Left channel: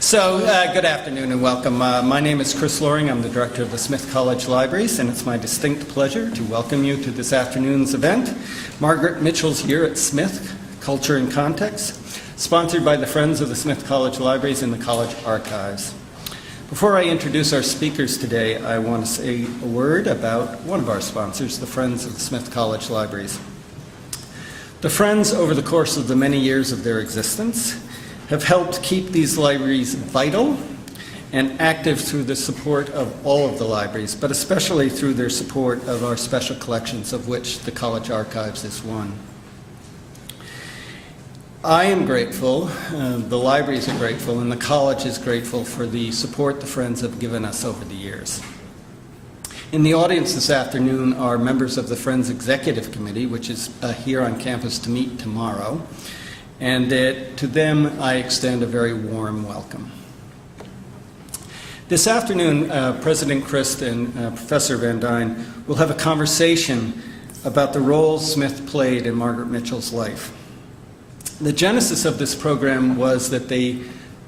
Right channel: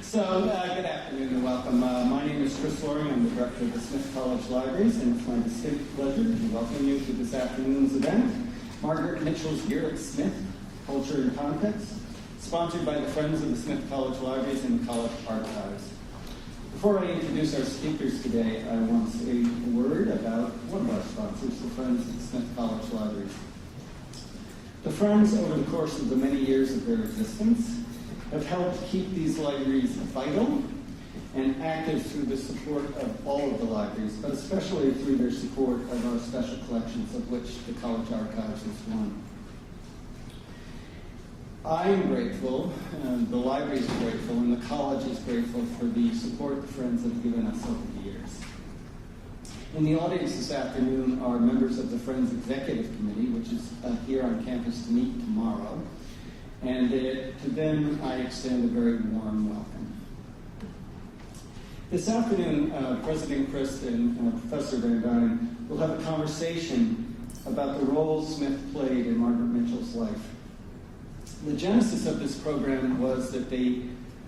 Good afternoon and welcome. My name is Chris Loring. I'm the director of the Smith College Libraries, and it's my distinct pleasure to welcome you to this afternoon's event, Margaret Mitchell's Year at Smith, Culture and Context, sponsored by the Friends of the Smith College Libraries and the College Archives. Before I introduce our speakers today, I want to say a word about one of our sponsors, the Friends of the Smith College Libraries. The Friends, over the course of the many years of their existence, have helped keep these libraries vital and active through the support of all of the libraries, but especially through their support of our special collections, of which the College Archives is one. I am grateful, the libraries are grateful, and the college is grateful for the support the Friends have given us over the years. In the audience this afternoon are members of the Friends Executive Committee, which is here on campus to meet tomorrow. And to them, I extend a very warm welcome. This afternoon, President Christ and Professor Van Dyne will have a conversation about the role Smith played in Margaret Mitchell's life. The genesis of this program was that they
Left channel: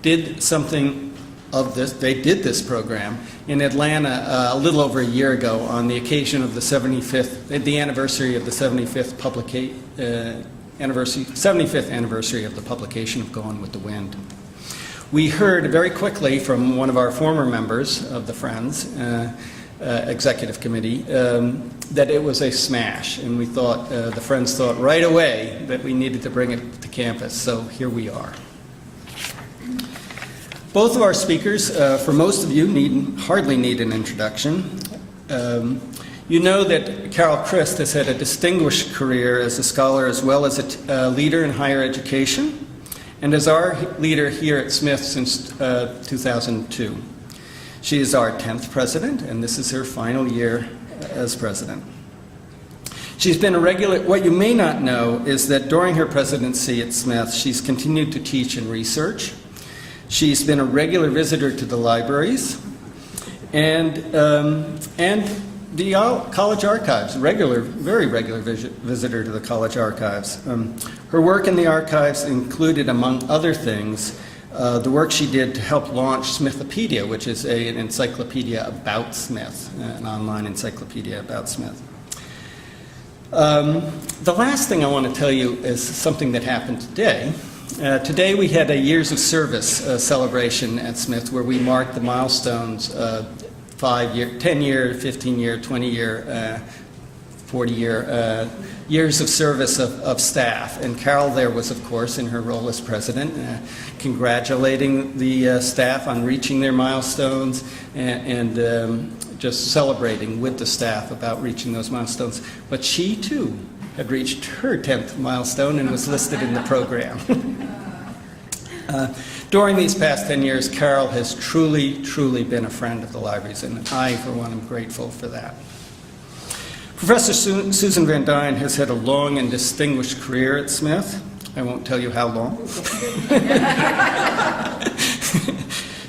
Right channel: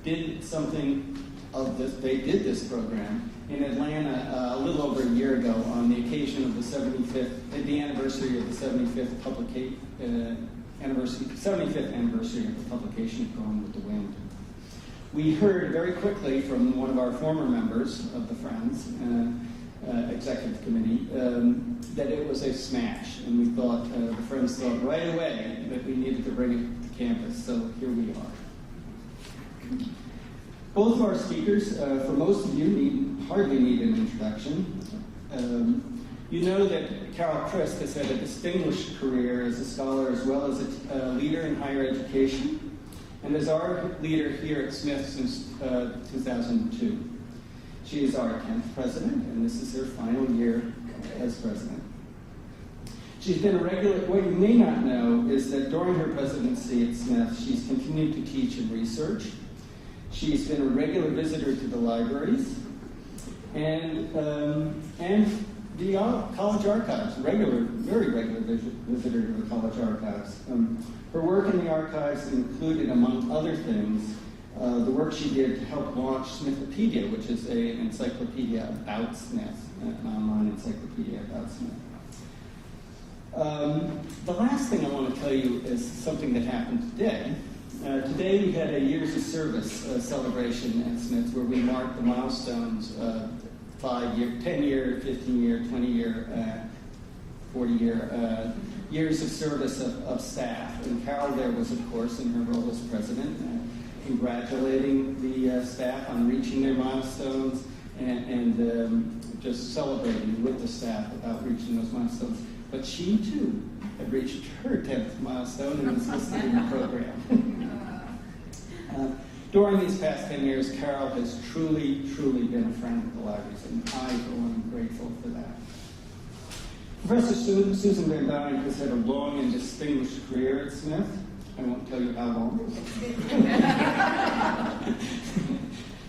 did something of this. They did this program in Atlanta a little over a year ago on the occasion of the 75th anniversary of the 75th anniversary of the publication of Gone with the Wind. We heard very quickly from one of our former members of the Friends Executive Committee that it was a smash, and we thought, the Friends thought right away that we needed to bring it to campus, so here we are. Both of our speakers, for most of you, hardly need an introduction. You know that Carol Christ has had a distinguished career as a scholar as well as a leader in higher education, and as our leader here at Smith since 2002. She is our 10th president, and this is her final year as president. She's been a regular. What you may not know is that during her presidency at Smith, she's continued to teach and research. She's been a regular visitor to the libraries, and the College Archives, very regular visitor to the College Archives. Her work in the archives included, among other things, the work she did to help launch Smithopedia, which is an encyclopedia about Smith, an online encyclopedia about Smith. The last thing I want to tell you is something that happened today. Today we had a Years of Service celebration at Smith where we marked the milestones 5-year, 10-year, 15-year, 20-year, 40-year years of service of staff. And Carol there was, of course, in her role as president, congratulating the staff on reaching their milestones and just celebrating with the staff about reaching those milestones. But she, too, had reached her 10th milestone and was listed in the program. During these past 10 years, Carol has truly, truly been a friend of the libraries, and I, for one, am grateful for that. Professor Susan Van Dyne has had a long and distinguished career at Smith. I won't tell you how long.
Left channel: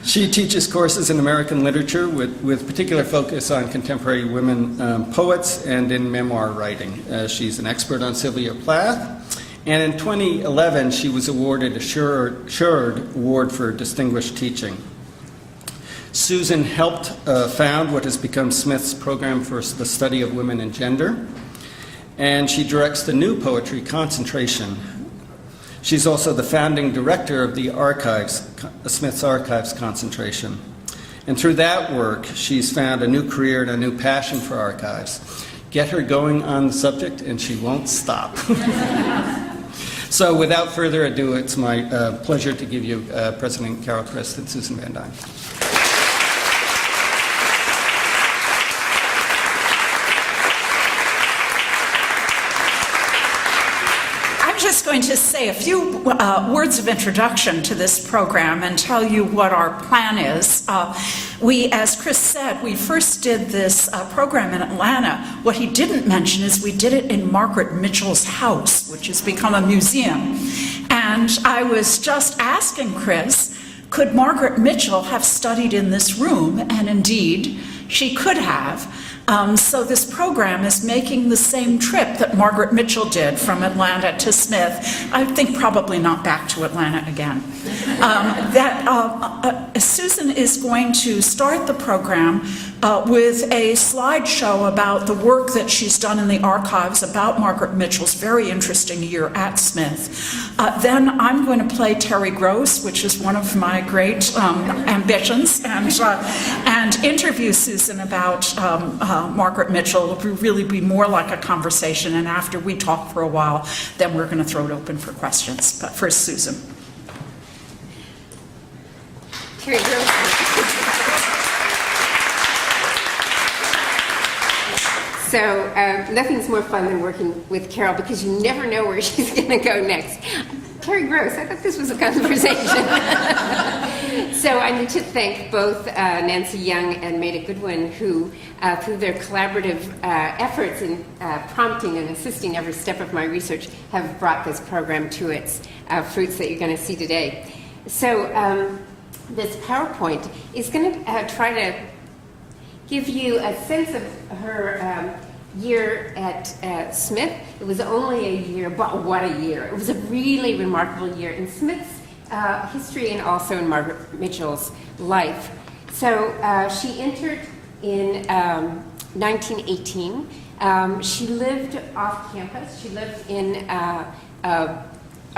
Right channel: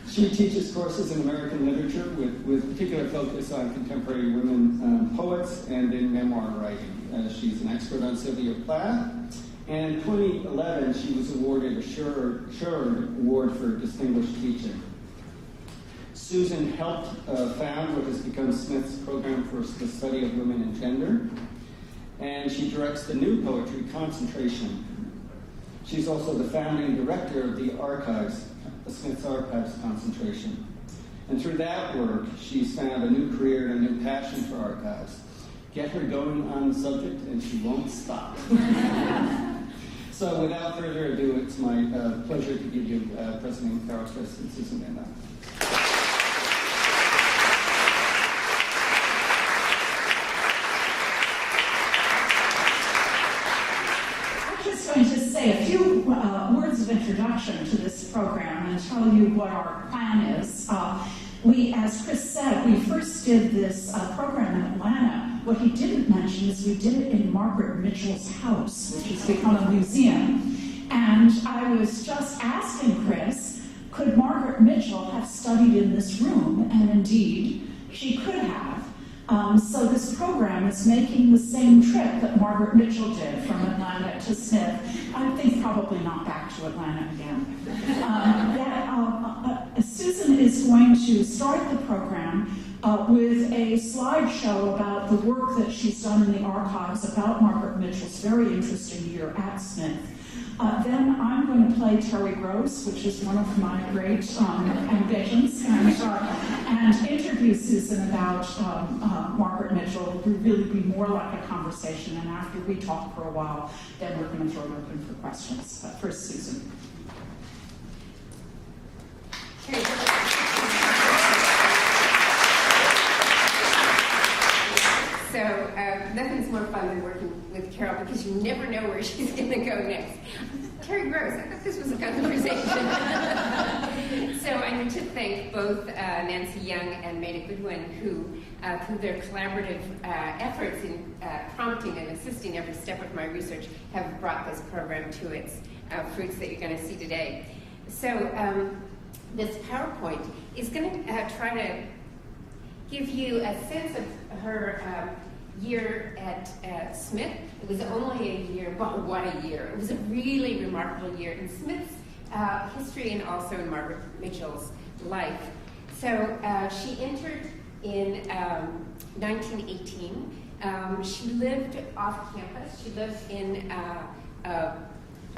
She teaches courses in American literature with particular focus on contemporary women poets and in memoir writing. She's an expert on Sylvia Plath. And in 2011, she was awarded a Sherard Award for Distinguished Teaching. Susan helped found what has become Smith's Program for the Study of Women and Gender, and she directs the new poetry concentration. She's also the founding director of the Archives, Smith's Archives concentration. And through that work, she's found a new career and a new passion for archives. Get her going on the subject, and she won't stop. So without further ado, it's my pleasure to give you President Carol Christ and Susan Van Dyne. I'm just going to say a few words of introduction to this program and tell you what our plan is. We, as Chris said, we first did this program in Atlanta. What he didn't mention is we did it in Margaret Mitchell's house, which has become a museum. And I was just asking Chris, could Margaret Mitchell have studied in this room? And indeed, she could have. So this program is making the same trip that Margaret Mitchell did from Atlanta to Smith. I think probably not back to Atlanta again. Susan is going to start the program with a slideshow about the work that she's done in the archives about Margaret Mitchell's very interesting year at Smith. Then I'm going to play Terry Gross, which is one of my great ambitions, and interview Susan about Margaret Mitchell. It will really be more like a conversation, and after we talk for a while, then we're going to throw it open for questions. But first, Susan. Terry Gross. So nothing's more fun than working with Carol because you never know where she's going to go next. Terry Gross, I thought this was a conversation. So I need to thank both Nancy Young and Maida Goodwin, who, through their collaborative efforts in prompting and assisting every step of my research, have brought this program to its fruits that you're going to see today. So this PowerPoint is going to try to give you a sense of her year at Smith. It was only a year, but what a year. It was a really remarkable year in Smith's history and also in Margaret Mitchell's life. So she entered in 1918. She lived off campus. She lived in a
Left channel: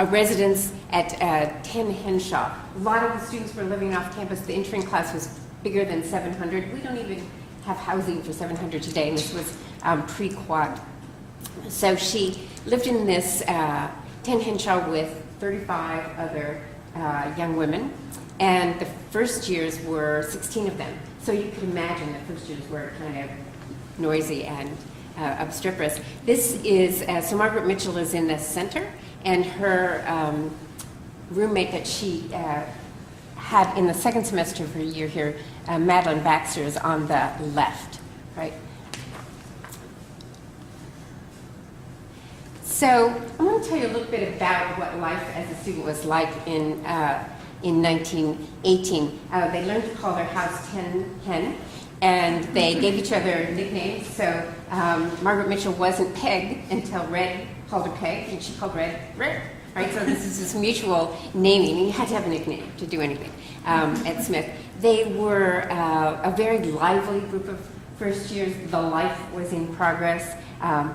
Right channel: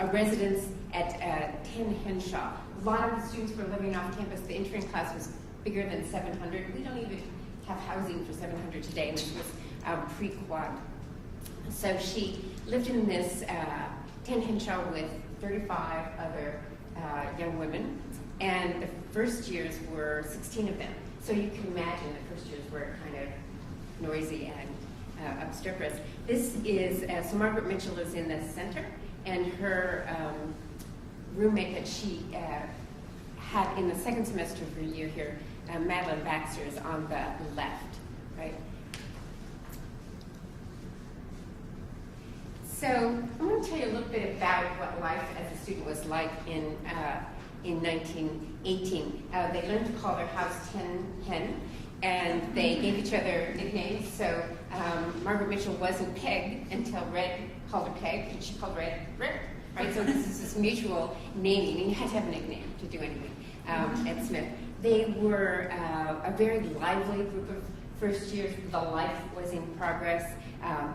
residence at 10 Henshaw. A lot of the students were living off campus. The entering class was bigger than 700. We don't even have housing for 700 today, and this was pre-quad. So she lived in this 10 Henshaw with 35 other young women, and the first years were 16 of them. So you can imagine the first years were kind of noisy and obstreperous. This is, so Margaret Mitchell is in the center, and her roommate that she had in the second semester of her year here, Madeline Baxter, is on the left, right? So I'm going to tell you a little bit about what life as a student was like in 1918. They learned to call their house 10 Hen, and they gave each other nicknames. So Margaret Mitchell wasn't Peg until Red called her Peg, and she called Red Red. Right, so this is this mutual naming, and you had to have a nickname to do anything at Smith. They were a very lively group of first years. The life was in progress.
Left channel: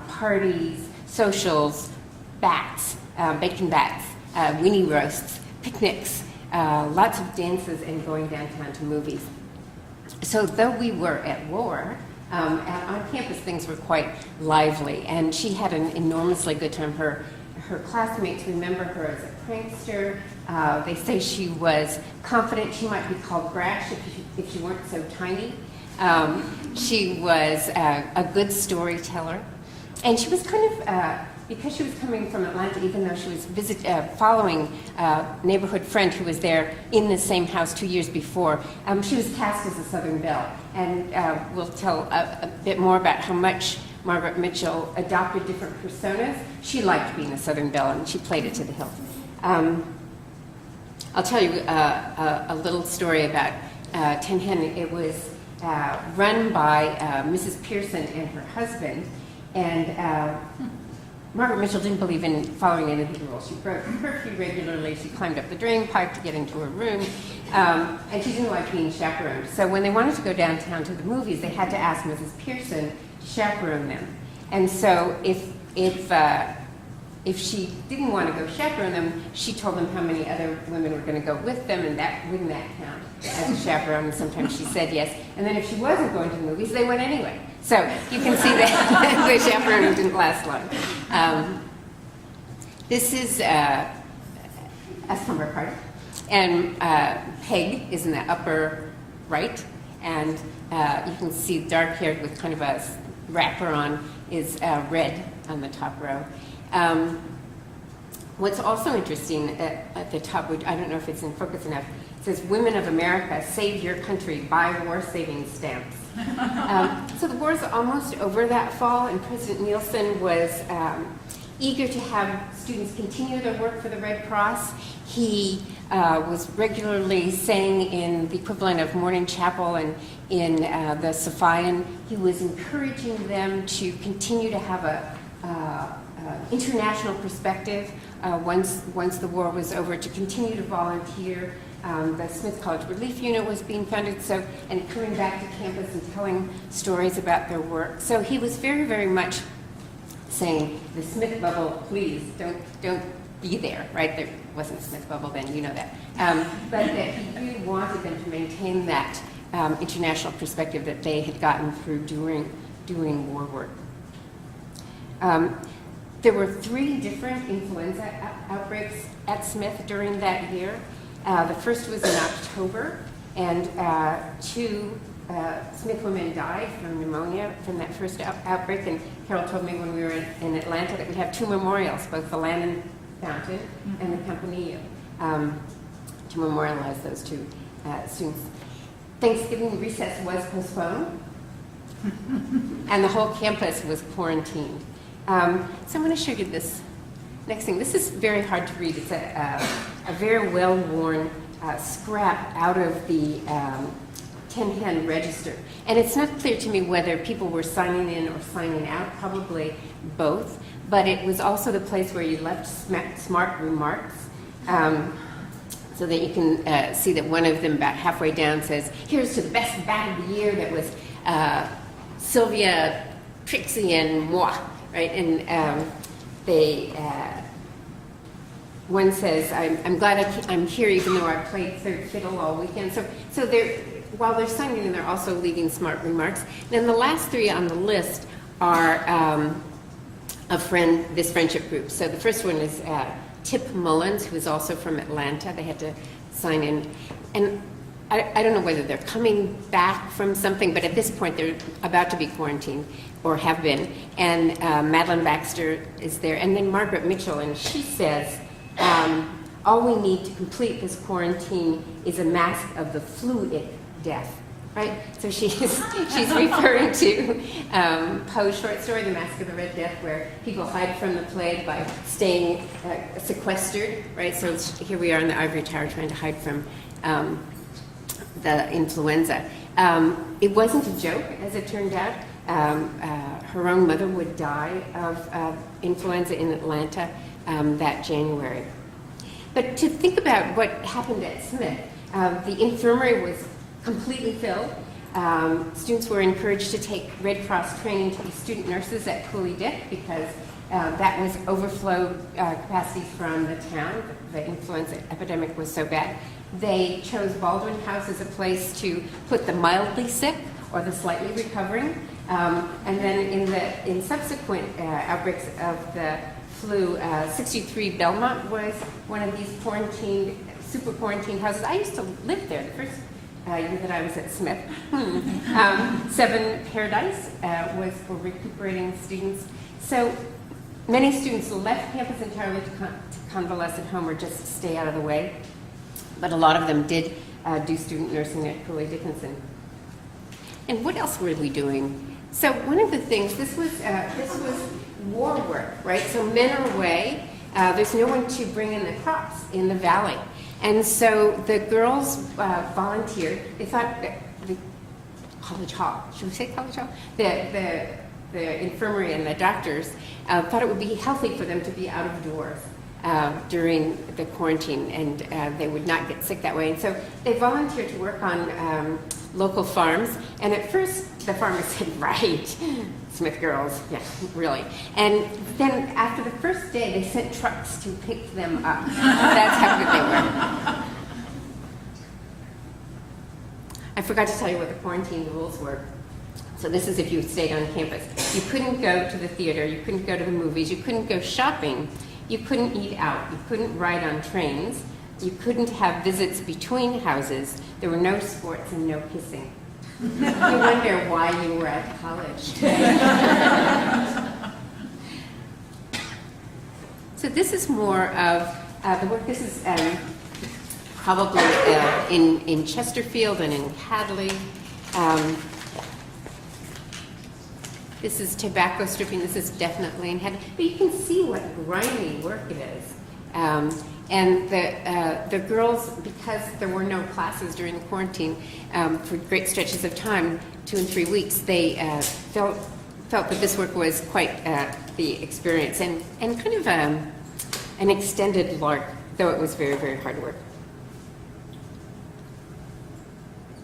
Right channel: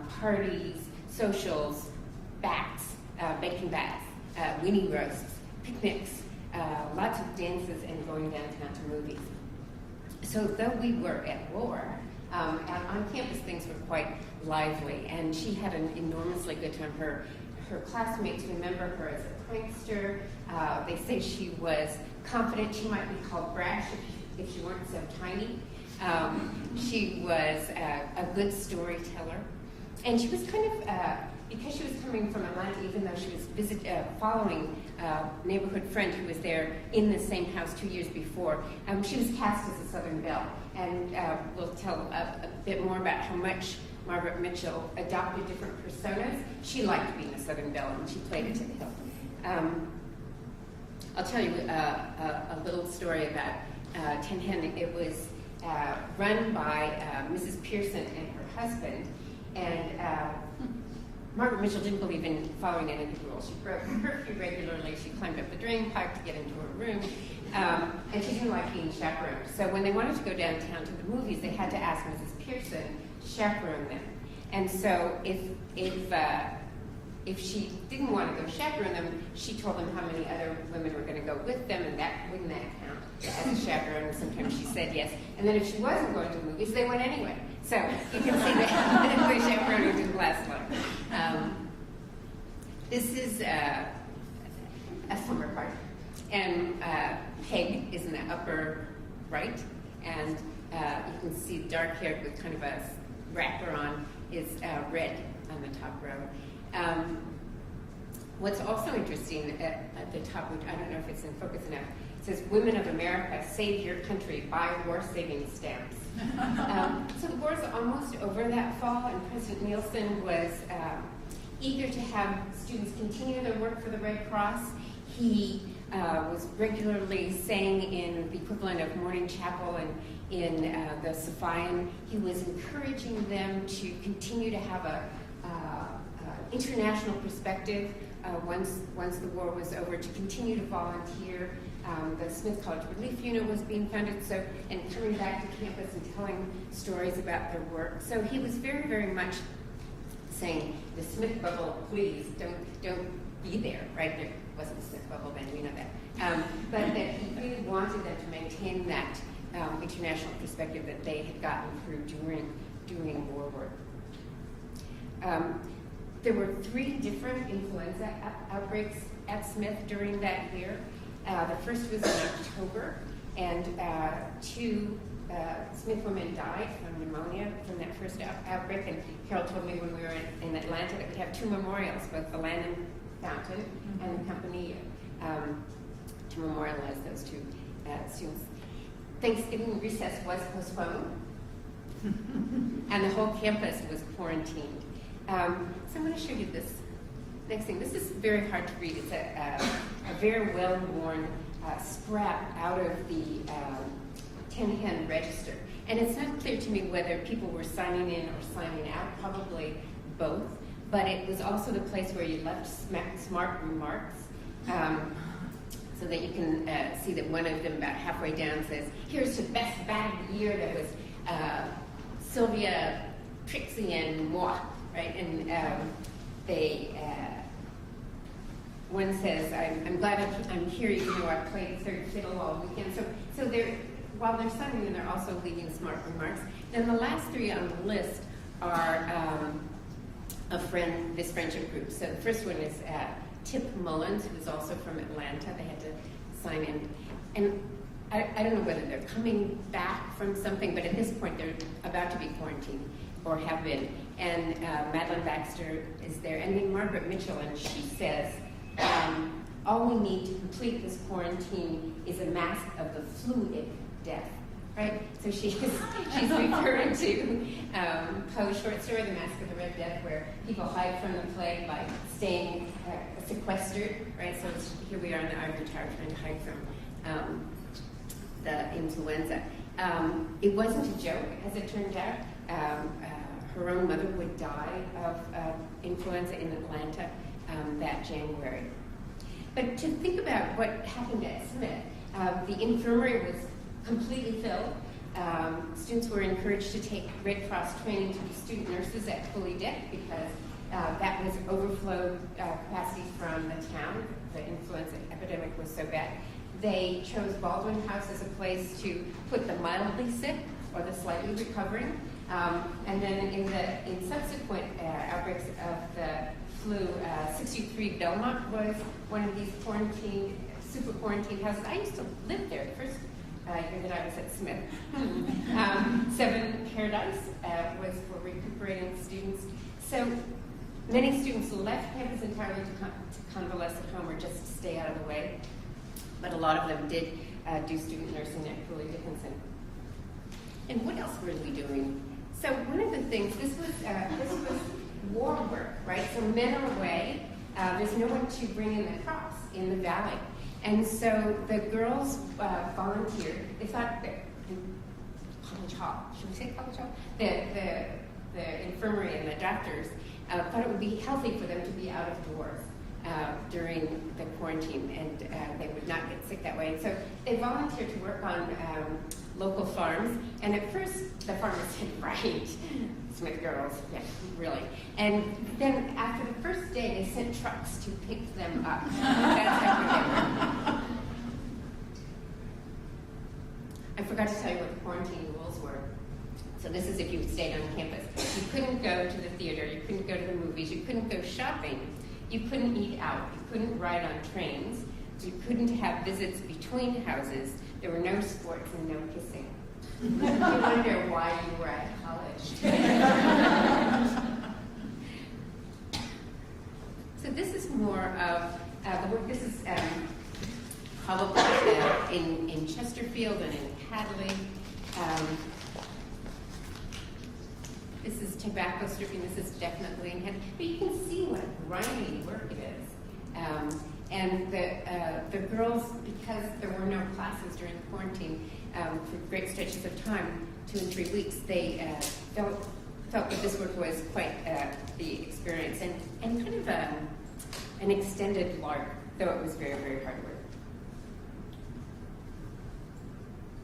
Parties, socials, bats, bacon bats, weenie roasts, picnics, lots of dances, and going downtown to movies. So though we were at war, on campus things were quite lively, and she had an enormously good time. Her classmates remember her as a prankster. They say she was confident. She might be called brash if she weren't so tiny. She was a good storyteller. And she was kind of, because she was coming from Atlanta, even though she was following a neighborhood friend who was there in the same house 2 years before, she was cast as a Southern Belle. And we'll tell a bit more about how much Margaret Mitchell adopted different personas. She liked being a Southern Belle, and she played it to the hilt. I'll tell you a little story about 10 Hen. It was run by Mrs. Pearson and her husband, and Margaret Mitchell didn't believe in following any of the rules. She broke the curfew regularly. She climbed up the drain pipe to get into her room, and she didn't like being chaperoned. So when they wanted to go downtown to the movies, they had to ask Mrs. Pearson to chaperone them. And so if she didn't want to go chaperone them, she told them how many other women were going to go with them, and that wouldn't that count as a chaperone. And sometimes she said yes. And then if she wasn't going to the movies, they went anyway. So you can see that the chaperoning didn't last long. This is a summer party, and Peg is in the upper right, and you can see dark-haired with kind of a wrapper on is red on the top row. What's also interesting at the top, which I don't know if it's in focus enough, it says, "Women of America, save your country, buy war saving stamps." So the war's almost over that fall, and President Neilson was eager to have students continue their work for the Red Cross. He was regularly saying in the equivalent of morning chapel and in the Sophian, he was encouraging them to continue to have a international perspective once the war was over, to continue to volunteer. The Smith College Relief Unit was being founded, and coming back to campus and telling stories about their work. So he was very, very much saying, the Smith bubble, please don't be there, right? There wasn't a Smith bubble then, you know that. But that he really wanted them to maintain that international perspective that they had gotten through doing war work. There were 3 different influenza outbreaks at Smith during that year. The first was in October, and 2 Smith women died from pneumonia from that first outbreak. And Carol told me when we were in Atlanta that we have 2 memorials, both the Lannan Fountain and the Campanile, to memorialize those 2 students. Thanksgiving recess was postponed, and the whole campus was quarantined. So I'm going to show you this next thing. This is very hard to read. It's a very well-worn scrap out of the Tin Hen Register. And it's not clear to me whether people were signing in or signing out, probably both. But it was also the place where you left smart remarks, so that you can see that one of them about halfway down says, here's to the best bat of the year that was Sylvia, Trixie, and moi, right? And one says, I'm glad I'm here even though I played third fiddle all weekend. So while they're signing in, they're also leaving smart remarks. Then the last 3 on the list are this friendship group. So the first one is Tip Mullins, who is also from Atlanta. They had to sign in. And I don't know whether they're coming back from something, but at this point they're about to be quarantined, or have been. And Madeline Baxter is there. And then Margaret Mitchell, and she says, all we need to complete this quarantine is a mask of the fluid death, right? So she's referring to Poe's short story, The Mask of the Red Death, where people hide from the plague by staying sequestered, right? So here we are in the ivory tower trying to hide from the influenza. It wasn't a joke, as it turned out. Her own mother would die of influenza in Atlanta that January. But to think about what happened at Smith, the infirmary was completely filled. Students were encouraged to take Red Cross training to be student nurses at Cooley Dick because that was overflow capacity from the town. The influenza epidemic was so bad. They chose Baldwin House as a place to put the mildly sick or the slightly recovering. And then in subsequent outbreaks of the flu, 63 Belmont was one of these super quarantined houses. I used to live there the first year that I was at Smith. 7 Paradise was for recuperating students. So many students left campus entirely to convalesce at home or just to stay out of the way. But a lot of them did do student nursing at Cooley Dickinson. And what else were we doing? So one of the things, this was war work, right? So men are away. There's no one to bring in the crops in the valley. And so the girls volunteered. They thought that the college hall, should we say college hall? The infirmary and the doctors thought it would be healthy for them to be out of doors during the quarantine, and they would not get sick that way. And so they volunteered to work on local farms. And at first, the farmers said, right, Smith girls, yeah, really. And then after the first day, they sent trucks to pick them up. That's how good they were. I forgot to tell you what the quarantine rules were. So this is if you stayed on campus. You couldn't go to the theater, you couldn't go to the movies, you couldn't go shopping, you couldn't eat out, you couldn't ride on trains, you couldn't have visits between houses, there were no sports and no kissing. I wonder why you were at college. So this is more of the work. This is probably in Chesterfield and in Hadley. This is tobacco stripping. This is definitely in Hadley. But you can see what grimy work it is. And the girls, because there were no classes during the quarantine for great stretches of time, 2 and 3 weeks, they felt that this work was quite the experience and kind of an extended lark, though it was very, very hard work.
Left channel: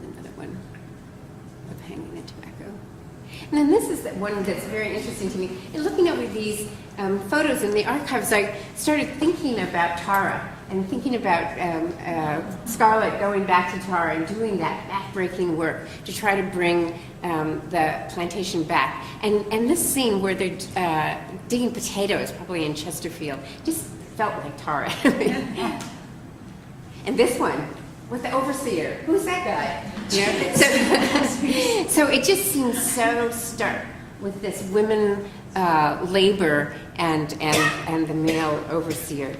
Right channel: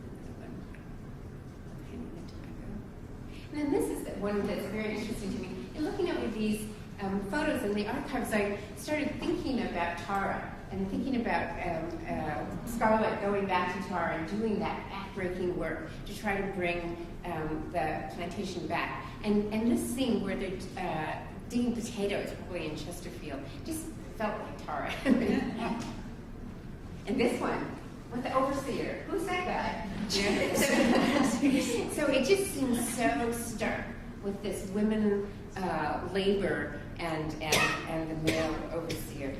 Another one of hanging the tobacco. And then this is the one that's very interesting to me. In looking over these photos in the archives, I started thinking about Tara and thinking about Scarlett going back to Tara and doing that backbreaking work to try to bring the plantation back. And this scene where they're digging potatoes, probably in Chesterfield, just felt like Tara. And this one with the overseer, who's that guy? You know? So it just seems so stark with this women labor and the male overseer.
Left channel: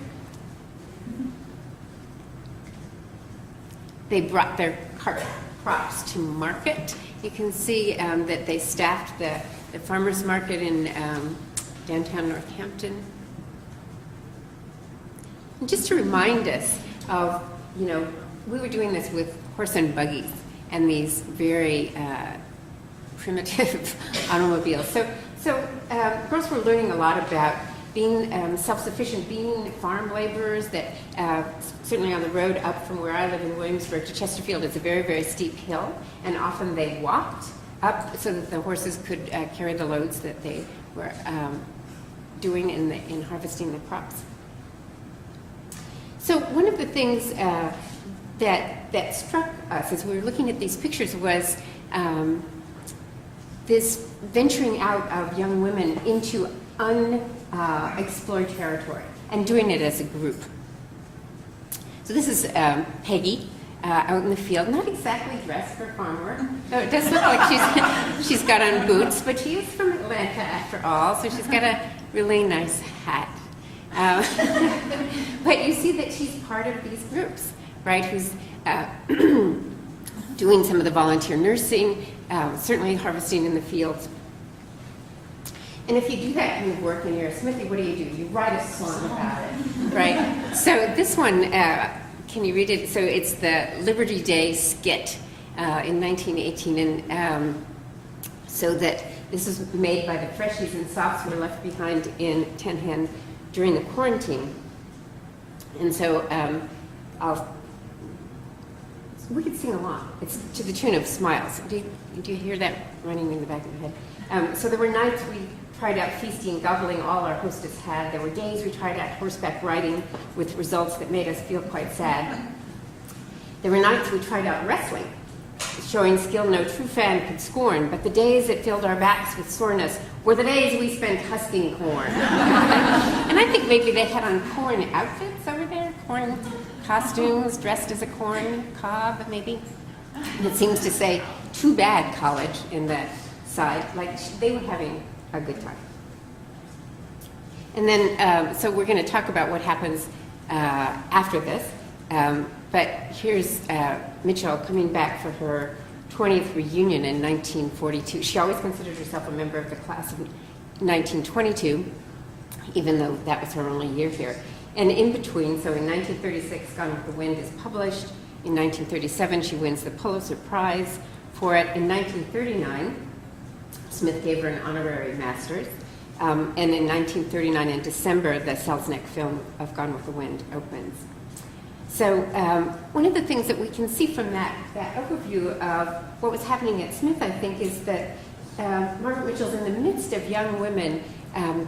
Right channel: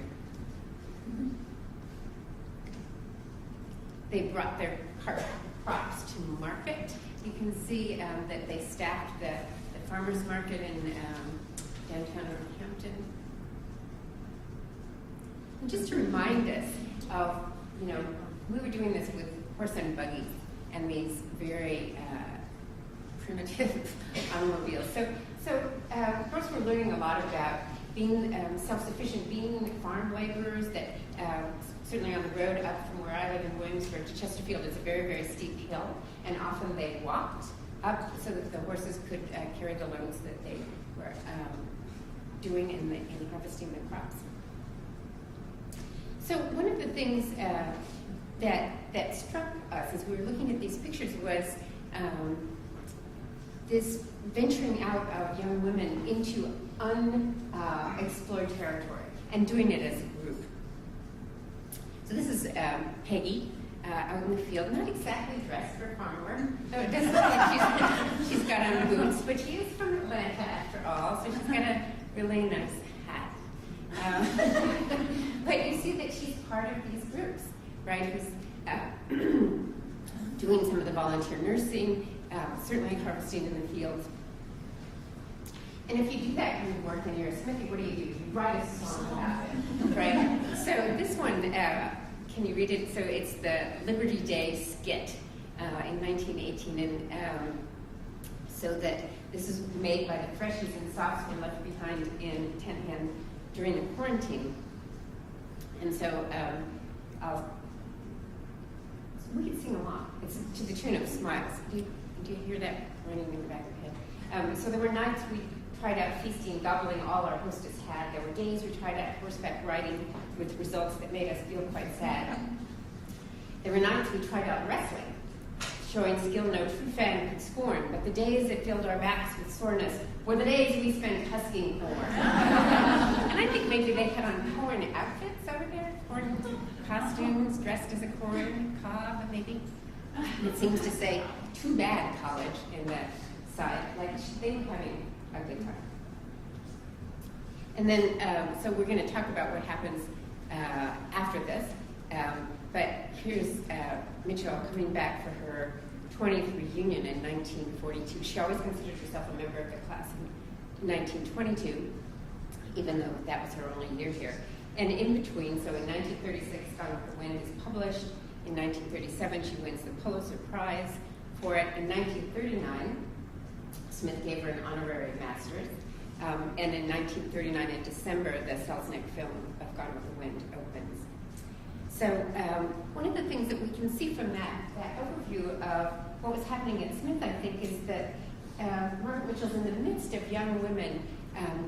They brought their crops to market. You can see that they staffed the farmers market in downtown Northampton. And just to remind us of, you know, we were doing this with horse and buggies and these very primitive automobiles. So girls were learning a lot about being self-sufficient, being farm laborers, that certainly on the road up from where I live in Williamsburg to Chesterfield is a very, very steep hill, and often they walked up so that the horses could carry the loads that they were doing in harvesting the crops. So one of the things that struck us as we were looking at these pictures was this venturing out of young women into unexplored territory and doing it as a group. So this is Peggy out in the field, not exactly dressed for farm work. So it does look like she's got on boots, but she is from Atlanta after all, so she's got a really nice hat. But you see that she's part of these groups, right, who's doing some of the volunteer nursing, certainly harvesting in the fields. And if you do that kind of work and you're a smithy, what do? You write a song about it, right? So this one, can you read it? So it's the Liberty Day skit in 1918, and so that this is made by the freshies and sophs who were left behind in Tenhan during the quarantine. And so we could sing along. It's to the tune of Smiles. Do you hear that running in the back of your head? So there were nights we tried out feasting, gobbling all our hostess had. There were days we tried out horseback riding with results that made us feel quite sad. There were nights we tried out wrestling, showing skill no true fan could scorn, but the days that filled our backs with soreness were the days we spent husking corn. And I think maybe they had on corn outfits over there, corn costumes, dressed as a corn cob, maybe. And it seems to say, too bad, college, in the side, like they were having a good time. And then, so we're going to talk about what happens after this. But here's Mitchell coming back for her 20th reunion in 1942. She always considered herself a member of the class of 1922, even though that was her only year here. And in between, so in 1936, Gone with the Wind is published. In 1937, she wins the Pulitzer Prize for it. In 1939, Smith gave her an honorary master's. And in 1939, in December, the Selznick film of Gone with the Wind opens. So one of the things that we can see from that overview of what was happening at Smith, I think, is that Margaret Mitchell's in the midst of young women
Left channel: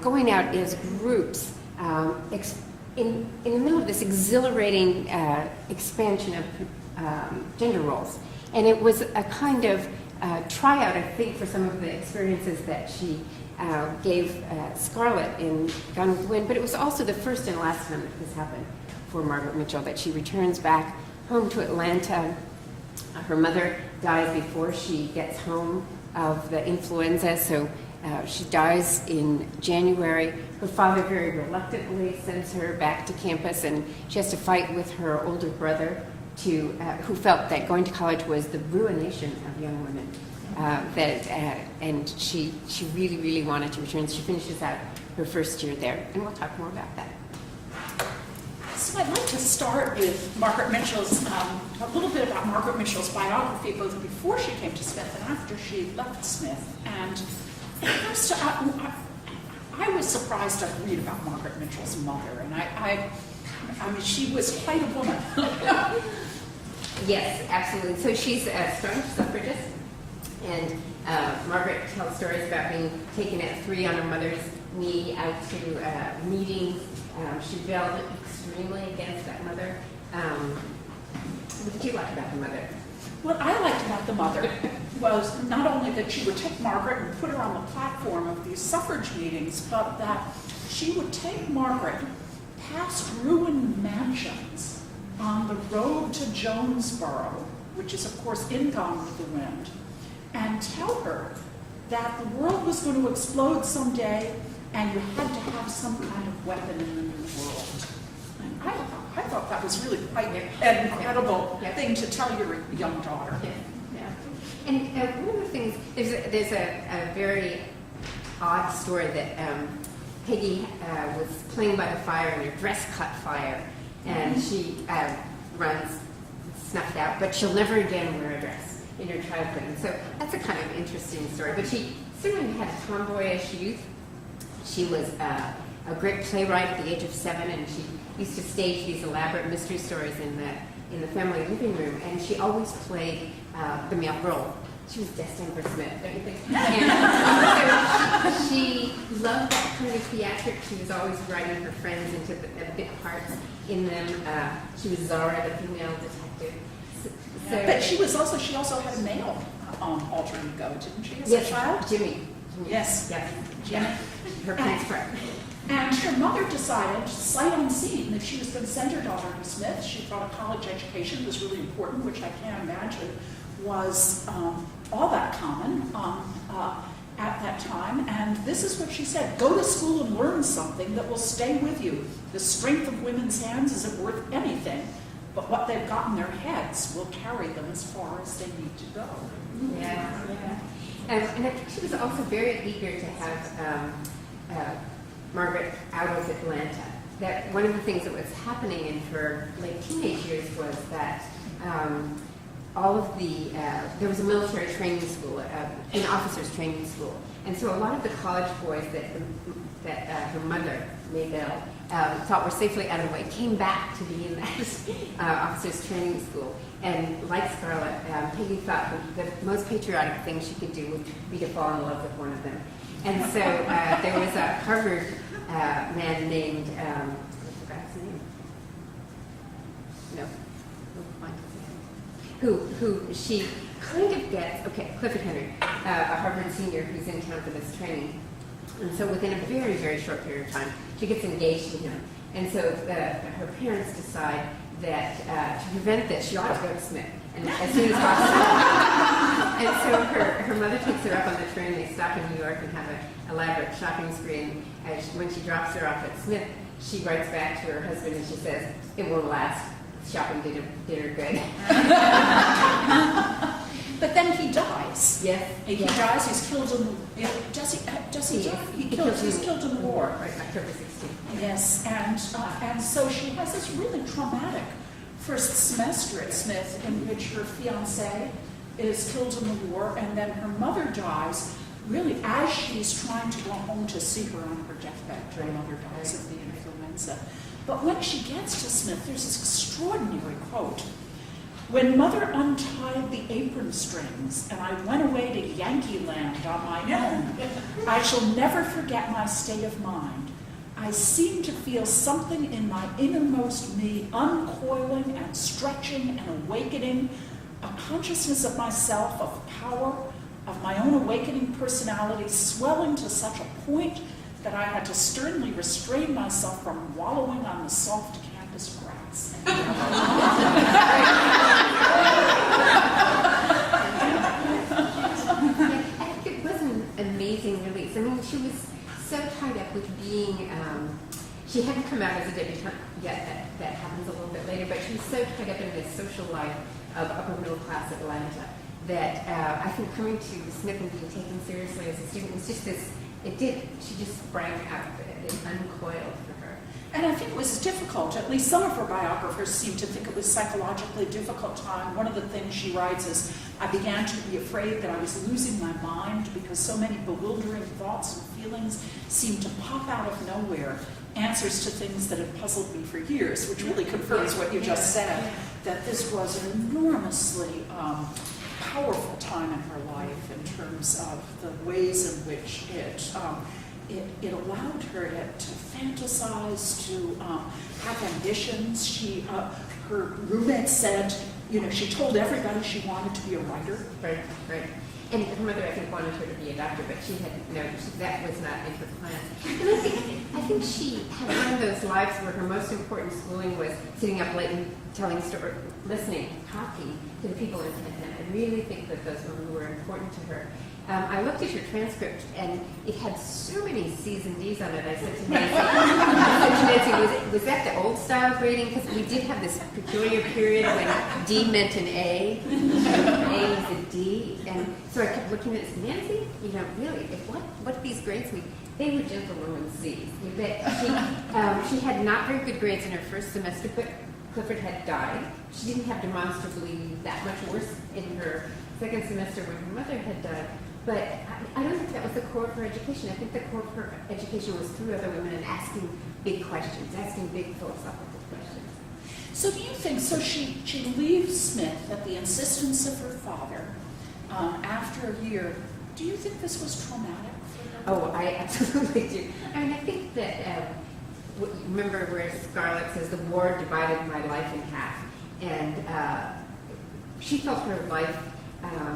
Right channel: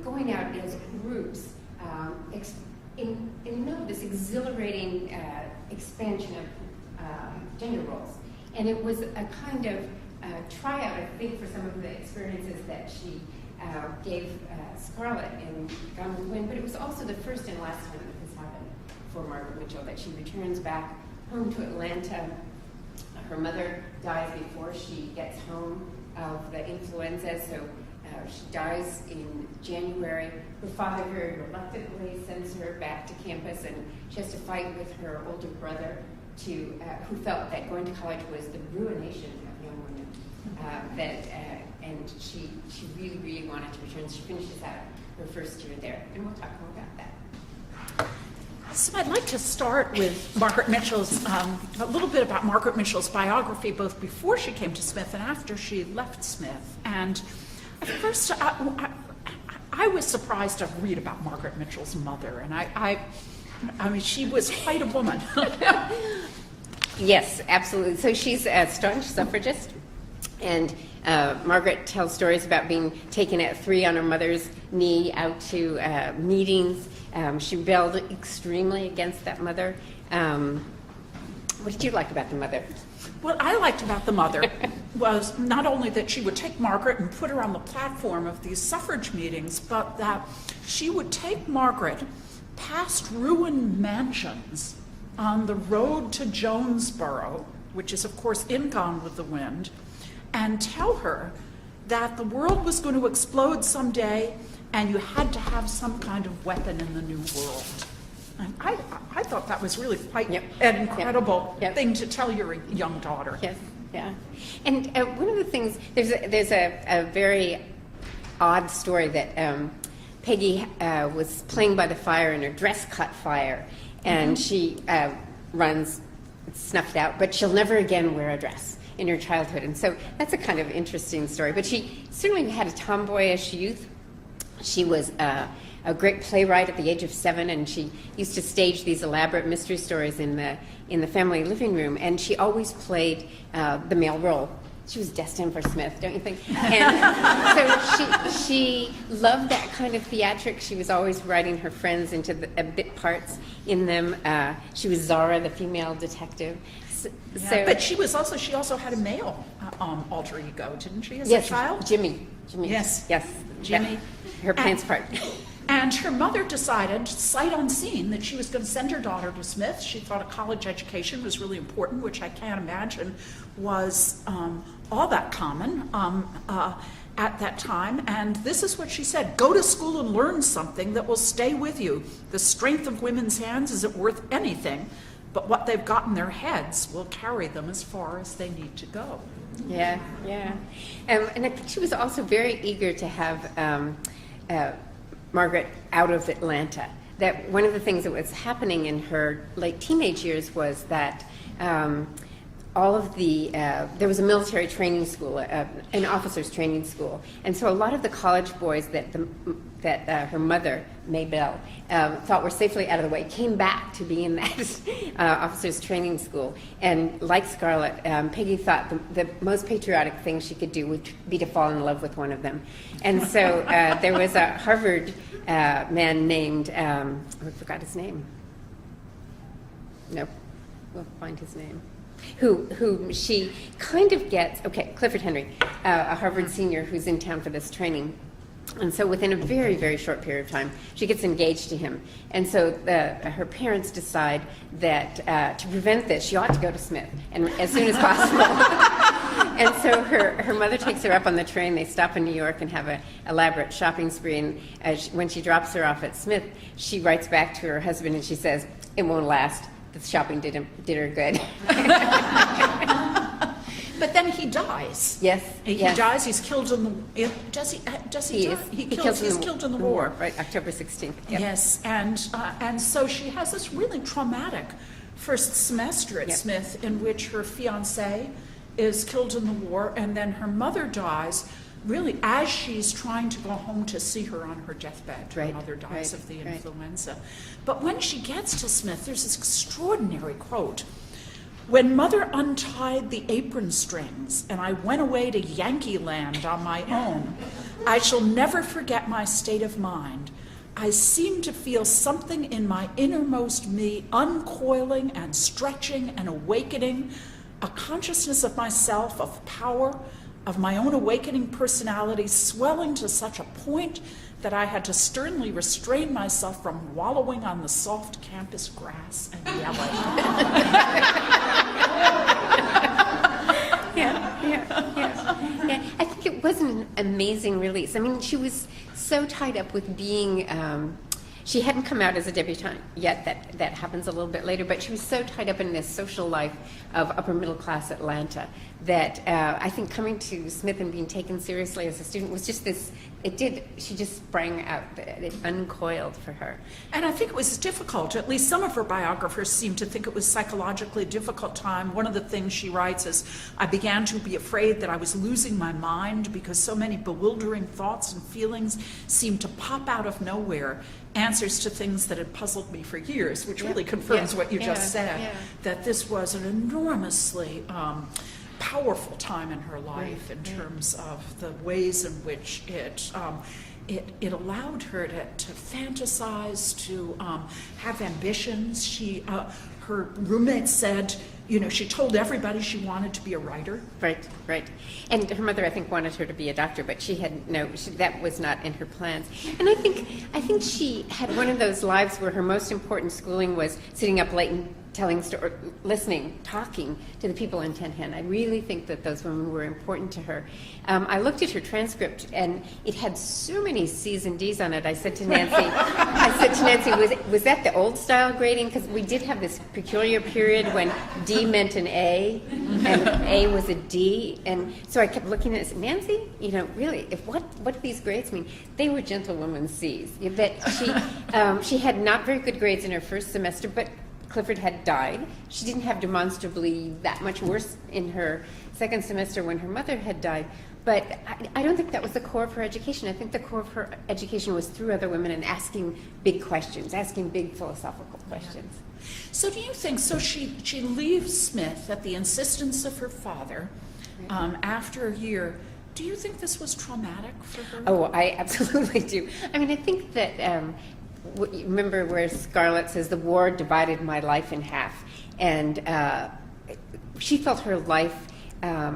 going out as groups in the middle of this exhilarating expansion of gender roles. And it was a kind of tryout, I think, for some of the experiences that she gave Scarlett in Gone with the Wind, but it was also the first and last time that this happened for Margaret Mitchell, that she returns back home to Atlanta. Her mother dies before she gets home of the influenza, so she dies in January. Her father very reluctantly sends her back to campus, and she has to fight with her older brother who felt that going to college was the ruination of young women. And she really, really wanted to return. She finishes out her first year there, and we'll talk more about that. So I'd like to start with Margaret Mitchell's, a little bit about Margaret Mitchell's biography, both before she came to Smith and after she left Smith. And at first, I was surprised to read about Margaret Mitchell's mother, and I mean, she was quite a woman. Yes, absolutely. So she's a staunch suffragist, and Margaret tells stories about being taken at 3 on her mother's knee out to meetings. She rebelled extremely against that mother. What did you like about the mother? What I liked about the mother was not only that she would take Margaret and put her on the platform of these suffrage meetings, but that she would take Margaret past ruined mansions on the road to Jonesboro, which is of course in Gone with the Wind, and tell her that the world was going to explode someday and you had to have some kind of weapon in the new world. And I thought that was really quite an incredible thing to tell your young daughter. Yes, yeah. And one of the things, there's a very odd story that Peggy was playing by the fire and her dress caught fire, and she runs snuffed out, but she'll never again wear a dress in her childhood. And so that's a kind of interesting story. But she certainly had a tomboyish youth. She was a great playwright at the age of 7, and she used to stage these elaborate mystery stories in the family living room, and she always played the male role. She was destined for Smith, don't you think? And so she loved that kind of theatrics. She was always writing her friends into bit parts in them. She was Zara, the female detective. But she also had a male alter ego, didn't she, as yes, a child? Jimmy. Yes. Yes. Jimmy. Her prince part. And her mother decided, sight unseen, that she was going to send her daughter to Smith. She thought a college education was really important, which I can't imagine was all that common at that time. And this is what she said: go to school and learn something that will stay with you. The strength of women's hands isn't worth anything, but what they've got in their heads will carry them as far as they need to go. Yeah, yeah. And I think she was also very eager to have Margaret out of Atlanta. That one of the things that was happening in her late teenage years was that all of the, there was a military training school, an officer's training school. And so a lot of the college boys that her mother, Maybelle, thought were safely out of the way came back to be in that officer's training school. And like Scarlett, Peggy thought the most patriotic thing she could do would be to fall in love with one of them. And so there was a Harvard man named, I forgot his name. No, we'll find his name. Who she kind of gets, Clifford Henry, a Harvard senior who's in town for this training. And so within a very, very short period of time, she gets engaged to him. And so her parents decide that to prevent this, she ought to go to Smith, and as soon as possible. And so her mother takes her up on the train. They stop in New York and have an elaborate shopping spree. And when she drops her off at Smith, she writes back to her husband and she says, "It won't last. The shopping did her good." But then he dies. Yes. He dies. He's killed in the. He's killed in the war. Right, October 16th. Yep. Yes, and so she has this really traumatic first semester at Smith, in which her fiancé is killed in the war, and then her mother dies. Really, as she's trying to go home to see her on her deathbed, her mother dies of the influenza. But when she gets to Smith, there's this extraordinary quote. "When Mother untied the apron strings and I went away to Yankee Land on my own, I shall never forget my state of mind. I seemed to feel something in my innermost me uncoiling and stretching and awakening, a consciousness of myself, of power, of my own awakening personality, swelling to such a point that I had to sternly restrain myself from wallowing on the soft campus grass." I think it was an amazing release. I mean, she was so tied up with being, she hadn't come out as a debutante yet, that happens a little bit later, but she was so tied up in this social life of upper middle class Atlanta that I think coming to Smith and being taken seriously as a student was just this it did. She just sprang out. It uncoiled for her. And I think it was difficult. At least some of her biographers seem to think it was psychologically a difficult time. One of the things she writes is, I began to be afraid that I was losing my mind because so many bewildering thoughts and feelings seemed to pop out of nowhere, answers to things that had puzzled me for years, which really confirms what you just said, that this was an enormously powerful time in her life in terms of the ways in which it allowed her to fantasize, to have ambitions. Her roommate said, she told everybody she wanted to be a writer. Right. And her mother, I think, wanted her to be a doctor, but that was not in her plans. And I think she had one of those lives where her most important schooling was sitting up late and telling stories, listening, talking to the people in 1010. I really think that those women were important to her. I looked at her transcript, and it had so many C's and D's on it. I said to Nancy, was that the old style grading? Because we did have this peculiar period when D meant an A, and A was a D. And so I kept looking at it and said, Nancy, really, what do these grades mean? They were gentlewoman C's. She had not very good grades in her first semester, but Clifford had died. She didn't have demonstrably that much worse in her second semester when her mother had died. But I don't think that was the core of her education. I think the core of her education was through other women and asking big questions, asking big philosophical questions. So do you think, she leaves Smith at the insistence of her father after a year. Do you think this was traumatic for her? Oh, I absolutely do. I mean, I think that, remember where Scarlett says, the war divided my life in half. And she felt her life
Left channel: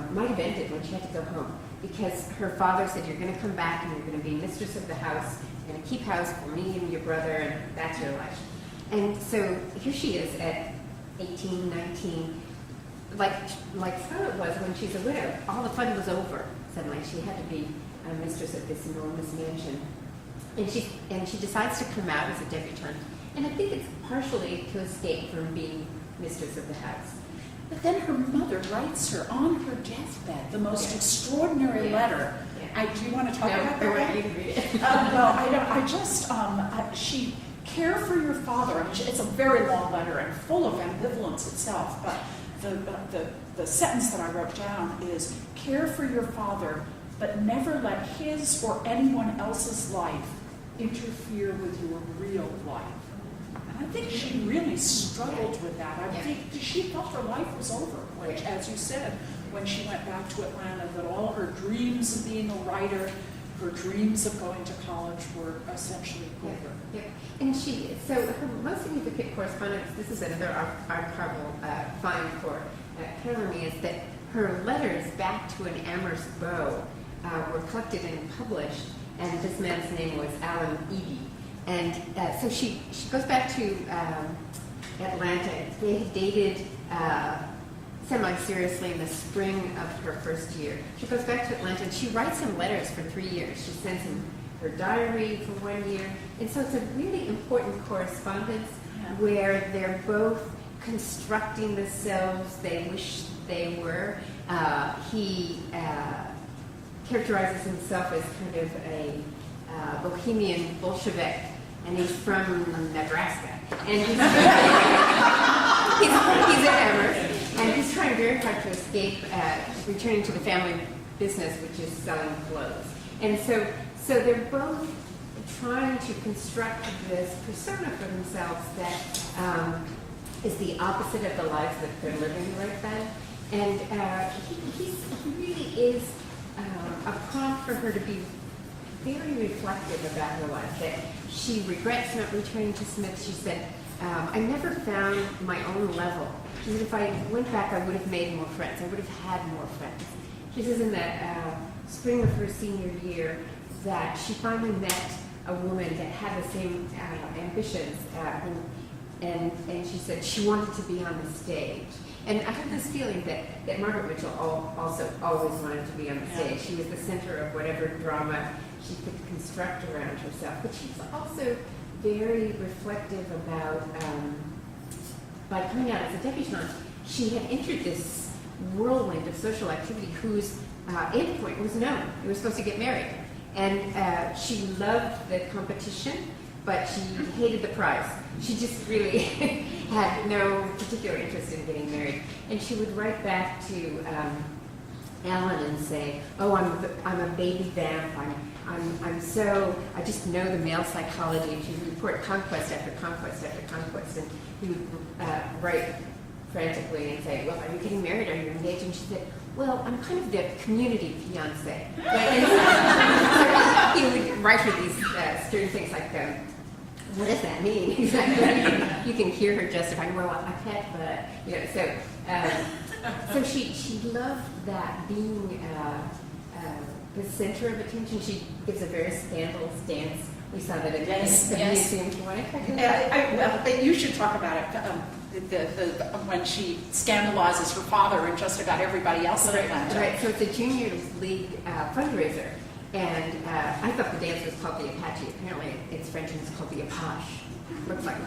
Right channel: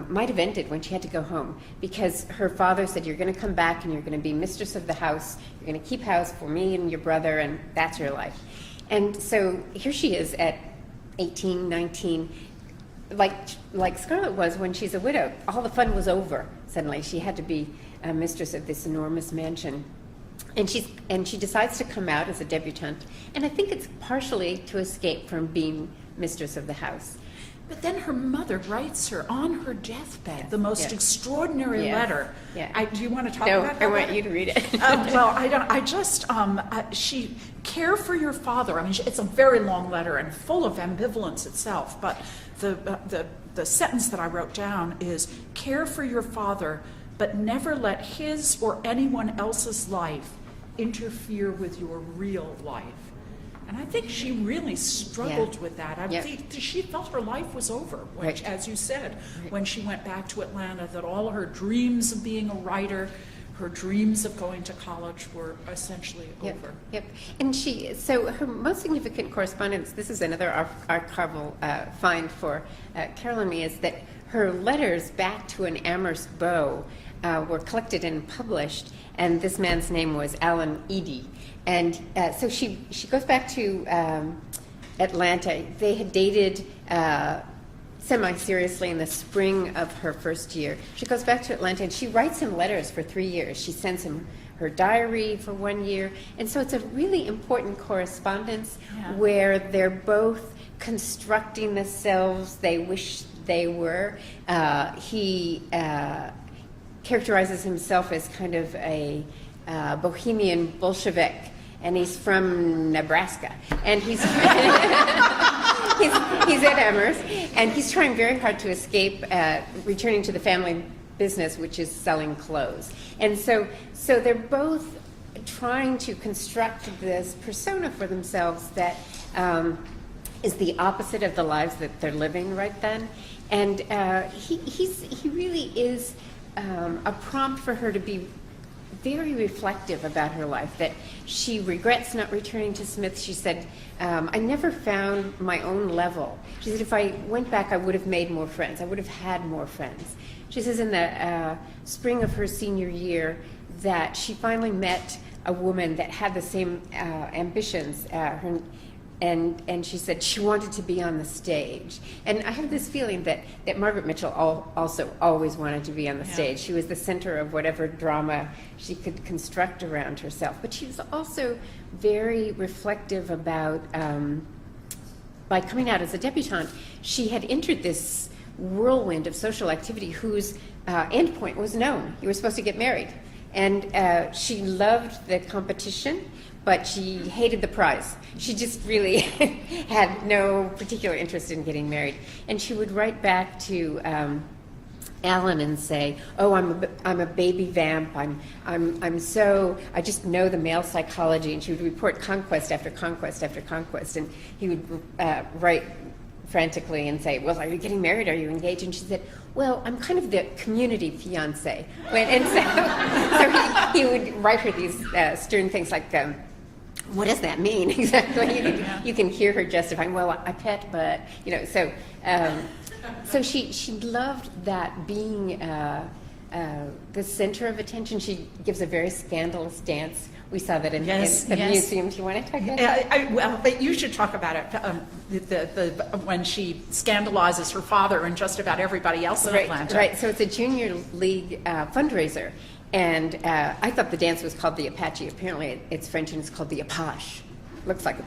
might have ended when she had to go home, because her father said, you're going to come back and you're going to be mistress of the house, you're going to keep house for me and your brother, and that's your life. And so here she is at 18, 19, like Scarlett was when she's a widow. All the fun was over. Suddenly she had to be a mistress of this enormous mansion. And she decides to come out as a debutante, and I think it's partially to escape from being mistress of the house. But then her mother writes her on her deathbed the most extraordinary letter. Yeah. Do you want to talk about that? No, I want you to read it. Well, I don't. I just she care for your father. I mean, it's a very long letter and full of ambivalence itself. But the sentence that I wrote down is, care for your father, but never let his or anyone else's life interfere with your real life. And I think she really struggled with that. I think she felt her life was over, which, as you said, when she went back to Atlanta, that all her dreams of being a writer, her dreams of going to college were essentially over. Yep. And so her most significant correspondence, this is another archival find for Carol and me, is that her letters back to an Amherst beau were collected and published, and this man's name was Alan Eady. And so she goes back to Atlanta. They had dated semi-seriously in the spring of her first year. She goes back to Atlanta and she writes him letters for 3 years. She sends him her diary for 1 year. And so it's a really important correspondence where they're both constructing the selves they wish they were. He characterizes himself as kind of a bohemian Bolshevik, and he's from Nebraska, and he's at Amherst, and he's trying very hard to escape returning to the family business, which is selling clothes. And so they're both trying to construct this persona for themselves that is the opposite of the lives that they're living right then. And he really is a prompt for her to be very reflective about her life, that she regrets not returning to Smith. She said, I never found my own level. She said, if I went back, I would have made more friends. I would have had more friends. She says in the spring of her senior year that she finally met a woman that had the same ambitions, and she said she wanted to be on the stage. And I have this feeling that Margaret Mitchell also always wanted to be on the stage. She was the center of whatever drama she could construct around herself. But she was also very reflective about, by coming out as a debutante, she had entered this whirlwind of social activity whose endpoint was known. You were supposed to get married. And she loved the competition, but she hated the prize. She just really had no particular interest in getting married. And she would write back to Alan and say, "Oh, I'm a baby vamp. I just know the male psychology." And she would report conquest after conquest after conquest. And he would write frantically and say, "Well, are you getting married? Are you engaged?" And she said, "Well, I'm kind of the community fiance." And so he would write her these stern things like, what does that mean exactly? You can hear her justifying, "Well, I pet, but," you know, so. So she loved that being the center of attention. She gives a very scandalous dance. We saw that in the museum. Do you want to talk about that? Well, you should talk about it. When she scandalizes her father and just about everybody else in Atlanta. Right. So it's a junior league fundraiser, and I thought the dance was called the Apache. Apparently, it's French and it's called the Apache. Looks like a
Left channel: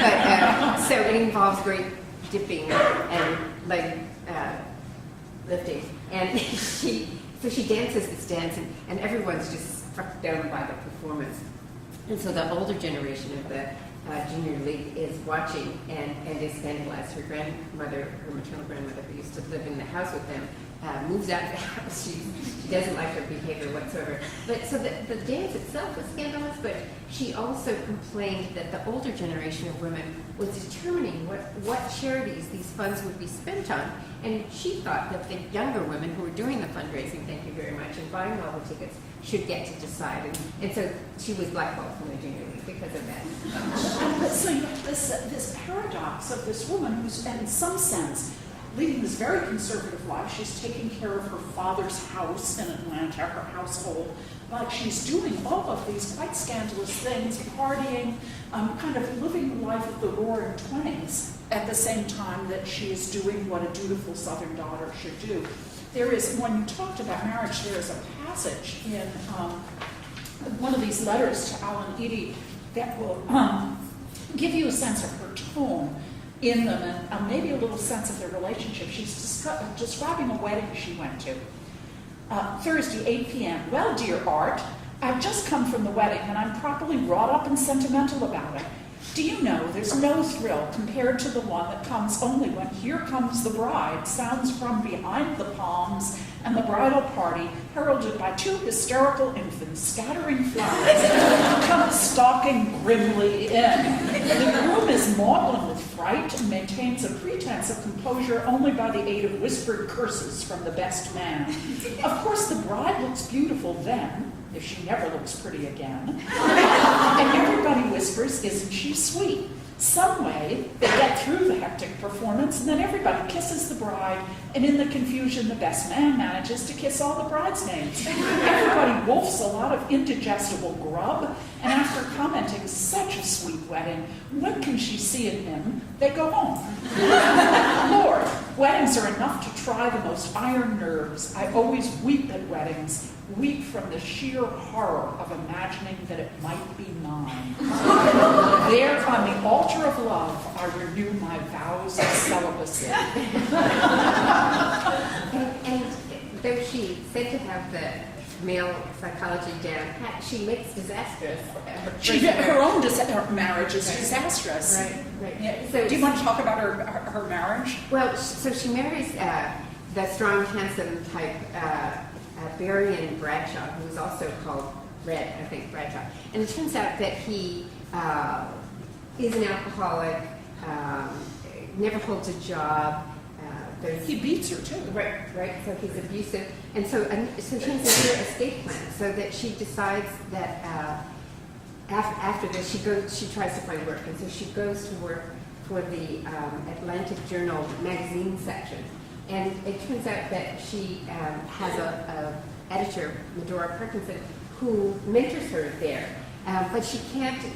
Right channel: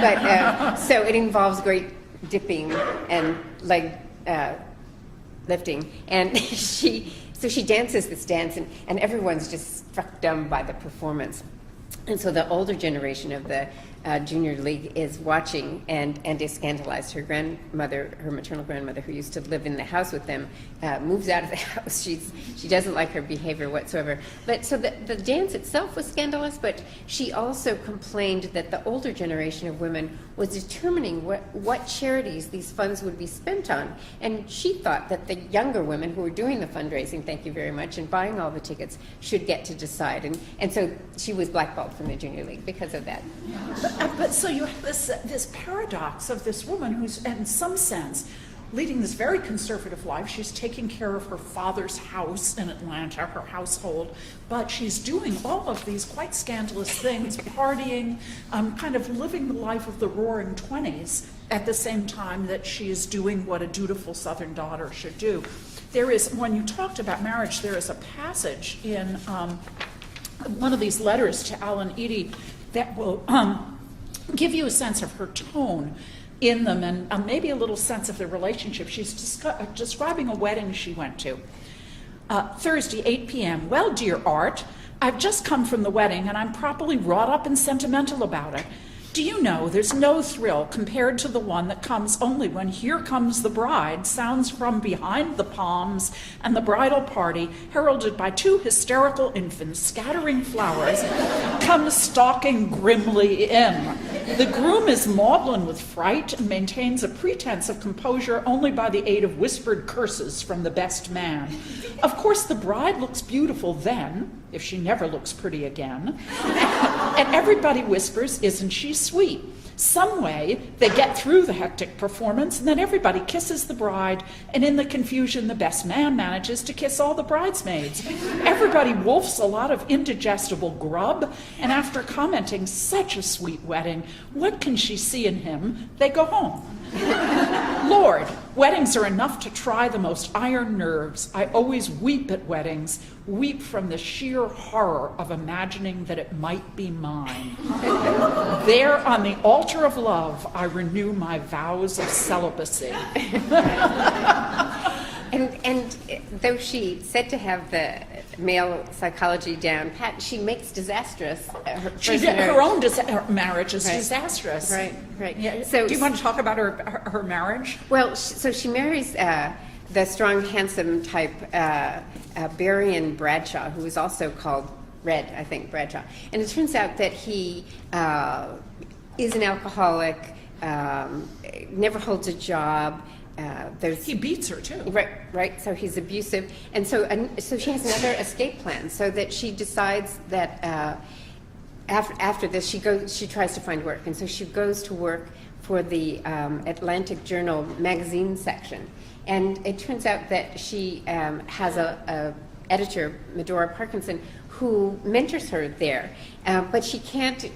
but so it involves great dipping and leg lifting, and she dances this dance, and everyone's just struck dumb by the performance. And so the older generation of the junior league is watching and is scandalized. Her grandmother, her maternal grandmother, who used to live in the house with them, moves out of the house. She doesn't like her behavior whatsoever. But so the dance itself was scandalous, but she also complained that the older generation of women was determining what charities these funds would be spent on. And she thought that the younger women who were doing the fundraising, thank you very much, and buying all the tickets should get to decide. And so she was blackballed from the junior league because of that. But so you have this paradox of this woman who's, in some sense, leading this very conservative life. She's taking care of her father's house in Atlanta, her household, but she's doing all of these quite scandalous things, partying, kind of living the life of the roaring 20s at the same time that she is doing what a dutiful Southern daughter should do. There is, when you talked about marriage, there is a passage in one of these letters to Alan Eady that will give you a sense of her tone in them, and maybe a little sense of the relationship. She's describing a wedding she went to. Thursday, 8 p.m. "Well, dear Art, I've just come from the wedding, and I'm properly wrought up and sentimental about it. Do you know, there's no thrill compared to the one that comes only when 'Here Comes the Bride' sounds from behind the palms, and the bridal party, heralded by 2 hysterical infants scattering flowers, comes stalking grimly in. The groom is maudlin with fright and maintains a pretense of composure only by the aid of whispered curses from the best man. Of course, the bride looks beautiful then, if she never looks pretty again. And everybody whispers, 'Isn't she sweet?' Some way, they get through the hectic performance, and then everybody kisses the bride, and in the confusion, the best man manages to kiss all the bridesmaids. Everybody wolfs a lot of indigestible grub, and after commenting, 'Such a sweet wedding, what can she see in him?' they go home. Lord, weddings are enough to try the most iron nerves. I always weep at weddings, weep from the sheer horror of imagining that it might be mine. There on the altar of love, I renew my vows of celibacy." And though she said to have the male psychology down pat, she makes disastrous. Her own marriage is disastrous. Right. Yeah. So, do you want to talk about her marriage? Well, so she marries the strong, handsome type Berrien Bradshaw, who is also called Red, I think, Bradshaw. And it turns out that he is an alcoholic, never holds a job. He beats her too. Right. So he's abusive, and so she has another escape plan. So that she decides that after this, she tries to find work, and so she goes to work for the Atlantic Journal magazine section. And it turns out that she has a editor, Medora Parkinson, who mentors her there, but she can't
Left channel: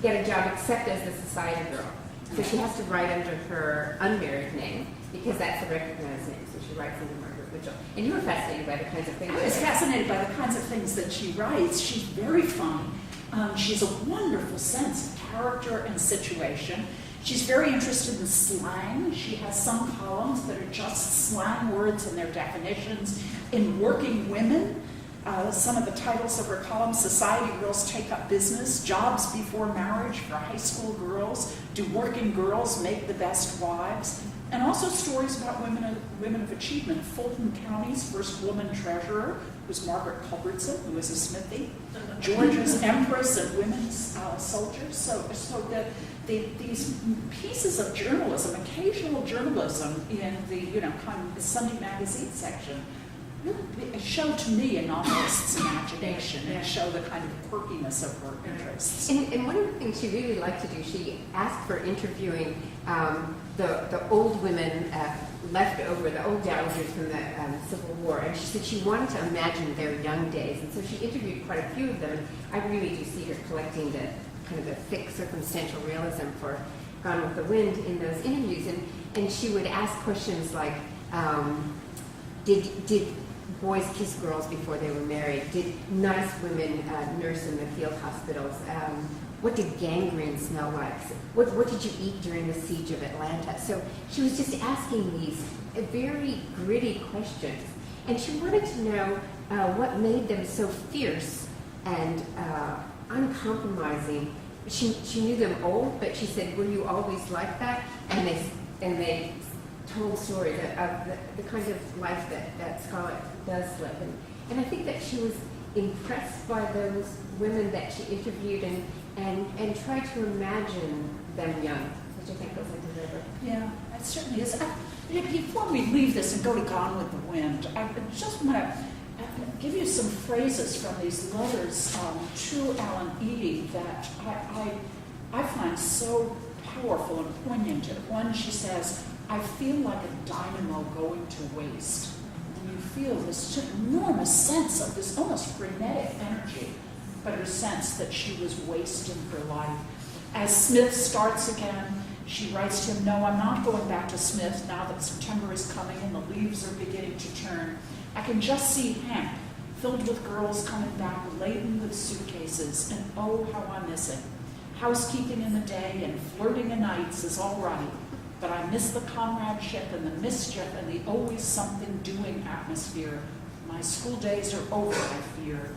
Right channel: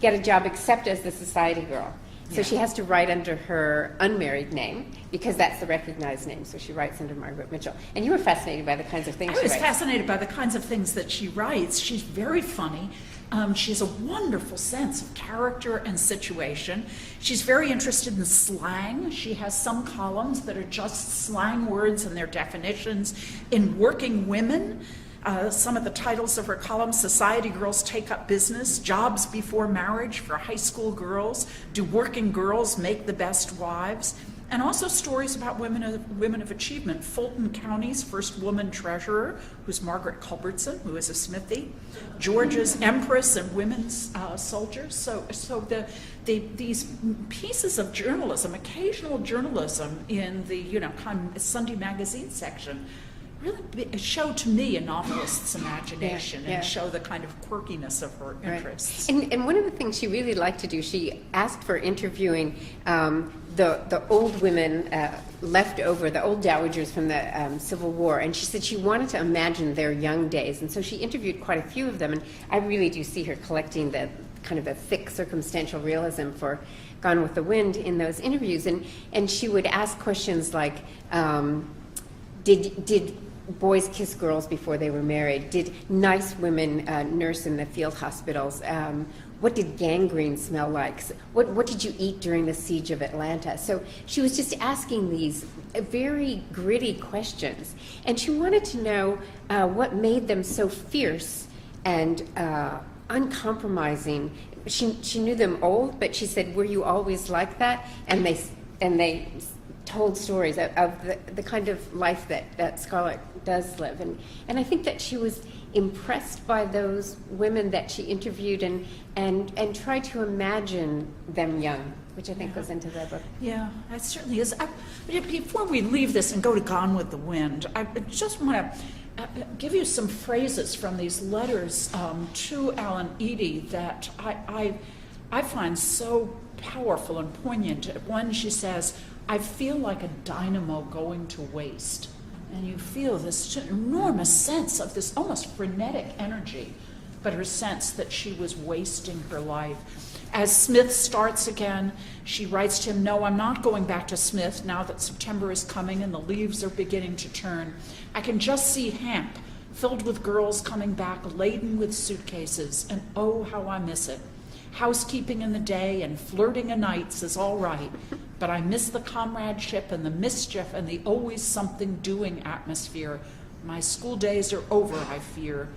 get a job except as the society girl. So she has to write under her unmarried name, because that's the recognized name. So she writes under Margaret Mitchell. And you were fascinated by the kinds of things she writes. I was fascinated by the kinds of things that she writes. She's very funny. She has a wonderful sense of character and situation. She's very interested in slang. She has some columns that are just slang words and their definitions. In Working Women, Some of the titles of her column: Society Girls Take Up Business, Jobs Before Marriage for High School Girls, Do Working Girls Make the Best Wives? And also stories about women of achievement. Fulton County's first woman treasurer, who's Margaret Culbertson, who is a Smithy. Georgia's Empress and Women's Soldiers. So these pieces of journalism, occasional journalism in the kind of Sunday magazine section, really show to me a novelist's imagination and show the kind of quirkiness of her interests. And one of the things she really liked to do, she asked for interviewing the old women left over, the old dowagers from the Civil War, and she said she wanted to imagine their young days, and so she interviewed quite a few of them, and I really do see her collecting the kind of the thick circumstantial realism for Gone with the Wind in those interviews, and she would ask questions like, did boys kiss girls before they were married? Did nice women nurse in the field hospitals? What did gangrene smell like? What did you eat during the siege of Atlanta? So she was just asking these very gritty questions. And she wanted to know what made them so fierce and uncompromising. She knew them old, but she said, were you always like that? And they told stories of the kind of life that Scarlett does live. And I think that she was impressed by those women that she interviewed and tried to imagine them young, which I think goes into the book. Yeah, that certainly is. Before we leave this and go to Gone with the Wind, I just want to give you some phrases from these letters to Alan Eady that I find so powerful and poignant. One, she says, I feel like a dynamo going to waste. And you feel this enormous sense of this almost frenetic energy, but her sense that she was wasting her life. As Smith starts again, she writes to him, no, I'm not going back to Smith now that September is coming and the leaves are beginning to turn. I can just see Hamp filled with girls coming back laden with suitcases, and oh, how I miss it. Housekeeping in the day and flirting of nights is all right, but I miss the comradeship and the mischief and the always something doing atmosphere. My school days are over, I fear.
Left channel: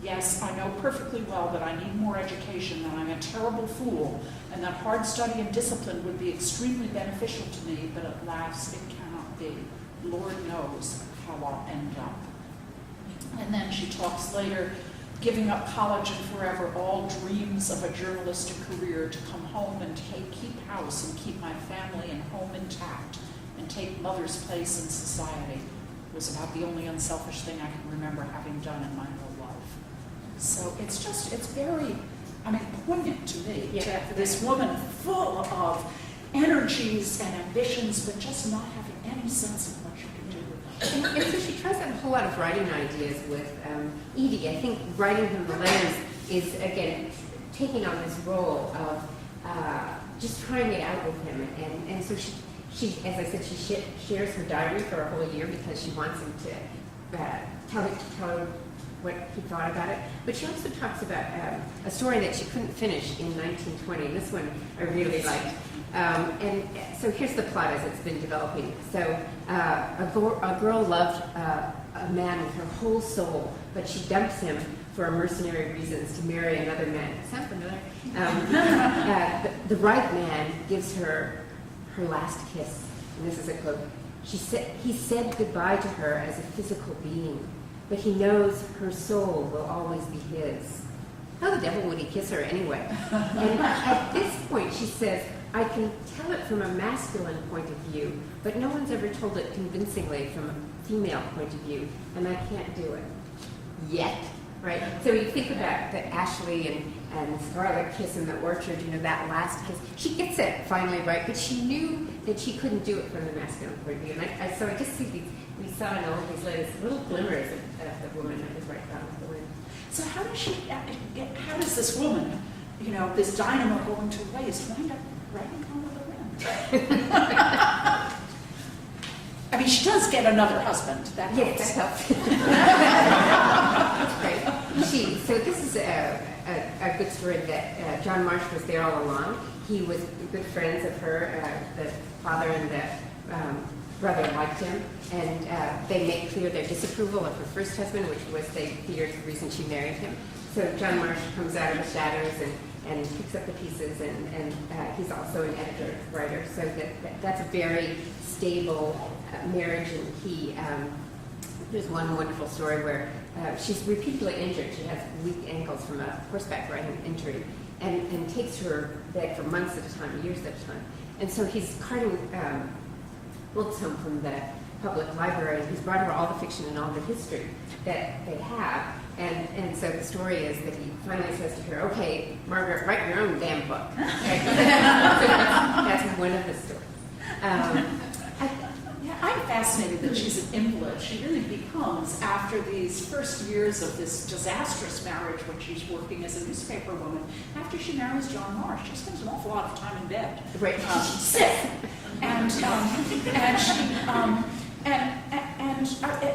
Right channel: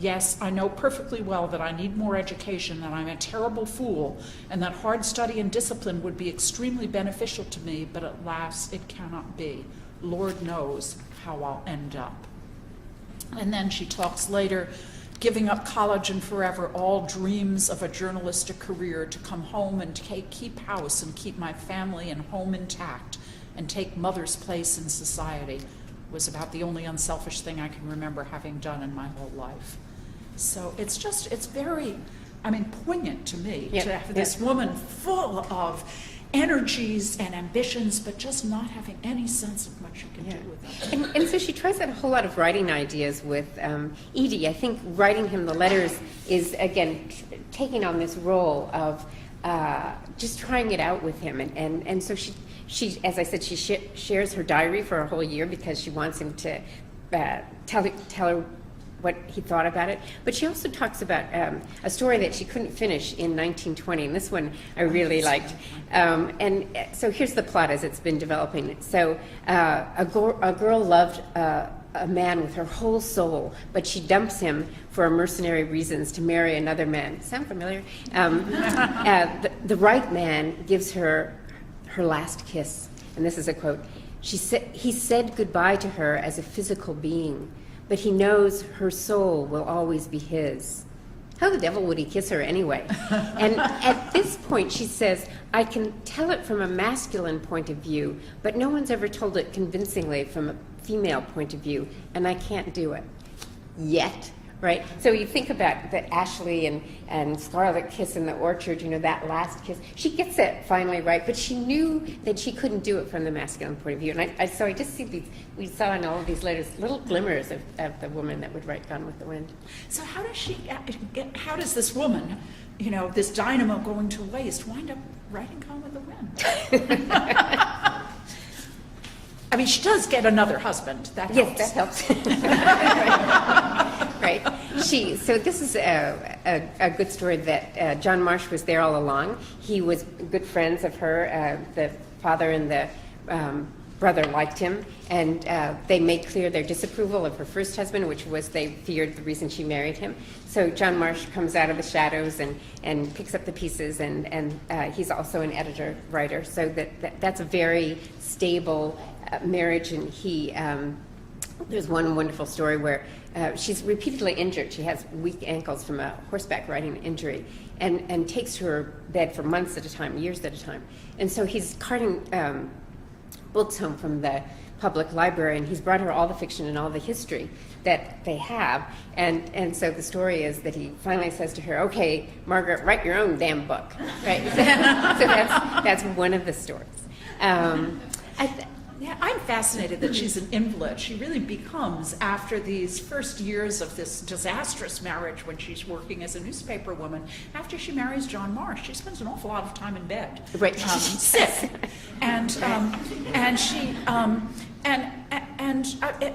Yes, I know perfectly well that I need more education, that I'm a terrible fool, and that hard study and discipline would be extremely beneficial to me, but alas, it cannot be. Lord knows how I'll end up. And then she talks later, giving up college and forever, all dreams of a journalistic career, to come home and keep house and keep my family and home intact and take mother's place in society was about the only unselfish thing I can remember having done in my whole life. So it's very, poignant to me to have this woman full of energies and ambitions, but just not having any sense of what she can do with them. And so she tries out a whole lot of writing ideas with Eady. I think writing him the letters is, again, taking on this role of just trying it out with him. And so she, as I said, she shares her diary for a whole year because she wants him to tell her what he thought about it. But she also talks about a story that she couldn't finish in 1920, and this one I really liked. And so here's the plot as it's been developing. So a girl loved a man with her whole soul, but she dumps him for mercenary reasons to marry another man. Sound familiar? The right man gives her her last kiss, and this is a quote. He said goodbye to her as a physical being, but he knows her soul will always be his. How the devil would he kiss her anyway? And at this point she says, I can tell it from a masculine point of view, but no one's ever told it convincingly from a female point of view, and I can't do it. Yet, right? So you think about the Ashley and Scarlett kiss in the orchard, that last kiss. She gets it finally right, but she knew that she couldn't do it from the masculine point of view. And so I just see we saw in all of these letters little glimmers of the woman that would write Gone with the Wind. So how does this woman, this dynamo going to waste, wind up writing Gone with the Wind? She does get another husband. That helps. Yes, that helps. Right. So this is a good story that John Marsh was there all along. He was good friends of her, the father and the brother liked him, and they make clear their disapproval of her first husband, which was they feared the reason she married him. So John Marsh comes out of the shadows and picks up the pieces, and he's also an editor-writer, so that's a very stable marriage. And there's one wonderful story where she's repeatedly injured. She has weak ankles from a horseback riding injury, and takes her bed for months at a time, years at a time. And so he's carting books home from the public library, and he's brought her all the fiction and all the history that they have. And so the story is that he finally says to her, "Okay, Margaret, write your own damn book." Right? So that's one of the stories. I'm fascinated that she's an invalid. She really becomes, after these first years of this disastrous marriage when she's working as a newspaper woman, after she marries John Marsh, she spends an awful lot of time in bed. Right. Sick. And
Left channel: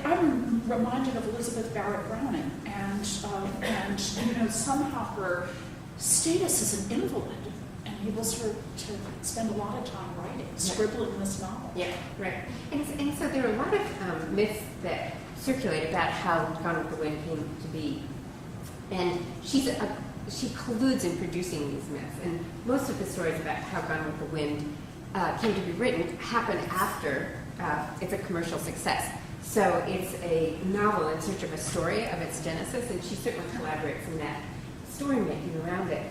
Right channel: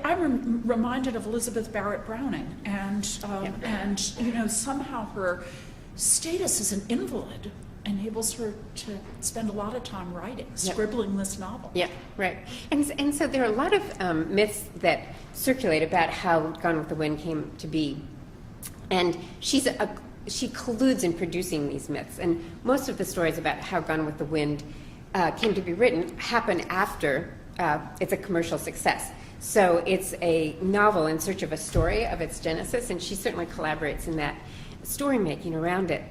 I'm reminded of Elizabeth Barrett Browning, and somehow her status as an invalid enables her to spend a lot of time writing, scribbling this novel. Yeah, right. And so there are a lot of myths that circulate about how Gone with the Wind came to be. And she colludes in producing these myths. And most of the stories about how Gone with the Wind came to be written happen after it's a commercial success. So it's a novel in search of a story of its genesis, and she certainly collaborates in that story making around it.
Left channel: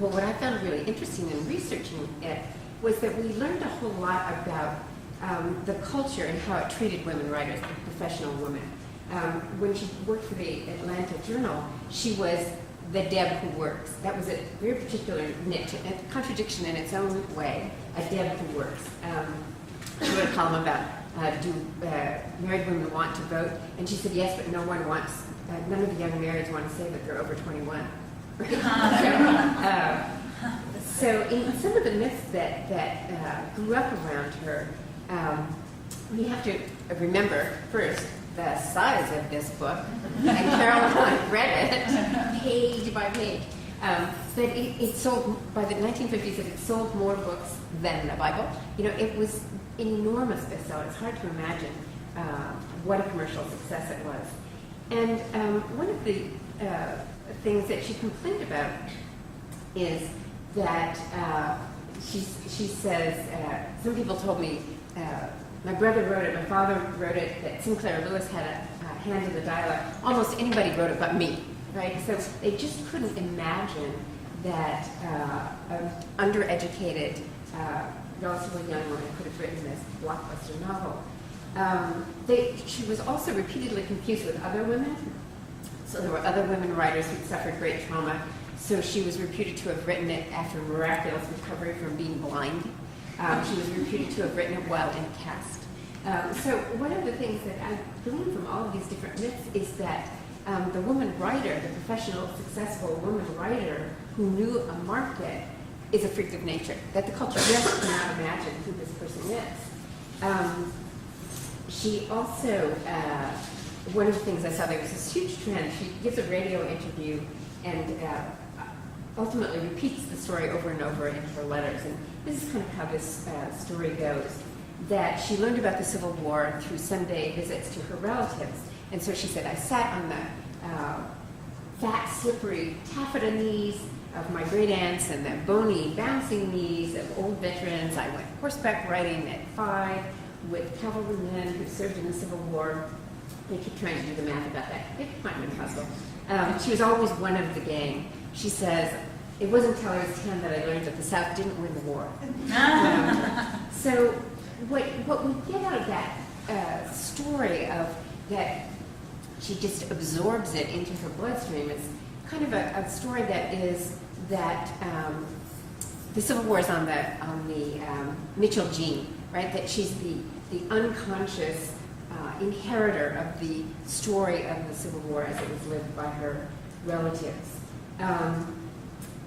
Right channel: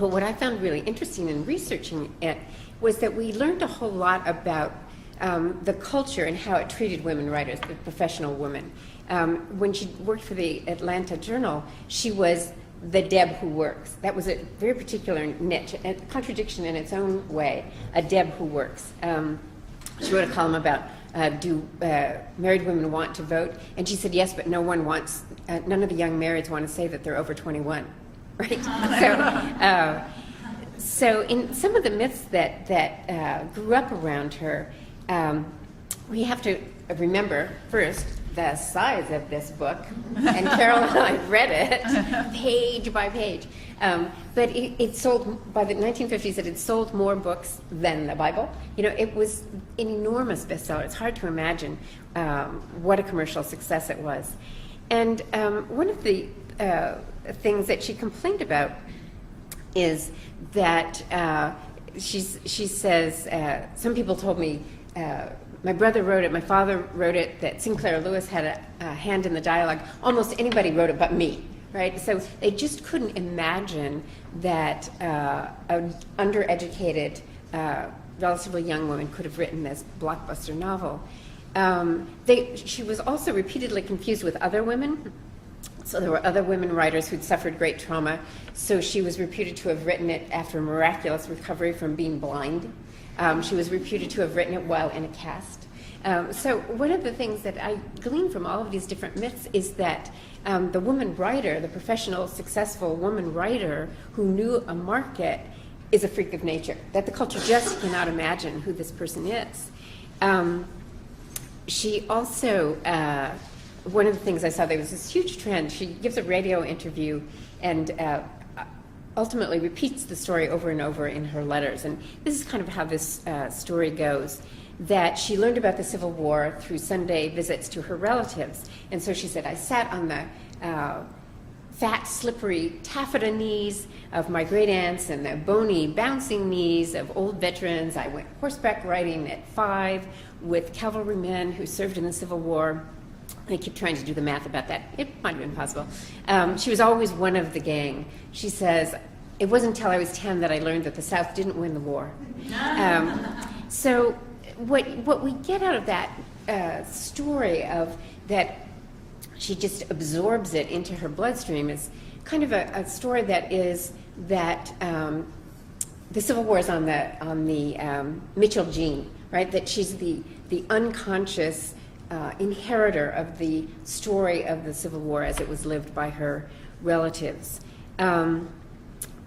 But what I found really interesting in researching it was that we learned a whole lot about the culture and how it treated women writers, the professional women. When she worked for the Atlanta Journal, she was the Deb who works. That was a very particular niche, a contradiction in its own way, a Deb who works. She wrote a column about do married women want to vote? And she said yes, but none of the young marrieds want to say that they're over 21. Right? So in some of the myths that grew up around her, we have to remember first the size of this book, and Carol and I read it page by page. But it sold, by the 1950s, it had sold more books than the Bible. It was enormous bestseller. It's hard to imagine what a commercial success it was. And one of the things that she complained about is that she says, some people told me, my brother wrote it, my father wrote it, that Sinclair Lewis had a hand in the dialogue. Almost anybody wrote it but me, right? So they just couldn't imagine that an undereducated, relatively young woman could have written this blockbuster novel. She was also repeatedly confused with other women. So there were other women writers who'd suffered great trauma. So she was reputed to have written it after miraculous recovery from being blind. She was reputed to have written it while in a cast. So one of the things that I glean from all of these different myths is that the woman writer, the professional, successful woman writer who knew a market, is a freak of nature, that the culture just cannot imagine who this person is. She also, one of the things I saw, there was this huge trend. She gives a radio interview and ultimately repeats the story over and over in her letters. And this is kind of how this story goes, that she learned about the Civil War through Sunday visits to her relatives. And so she said, I sat on the fat, slippery taffeta knees of my great aunts and the bony, bouncing knees of old veterans. I went horseback riding at 5 with cavalrymen who served in the Civil War. I keep trying to do the math about that. It might have been possible. She was always one of the gang. She says, it wasn't until I was 10 that I learned that the South didn't win the war. So what we get out of that story of that she just absorbs it into her bloodstream is kind of a story that is that the Civil War is on the Mitchell gene, right? That she's the unconscious inheritor of the story of the Civil War as it was lived by her relatives.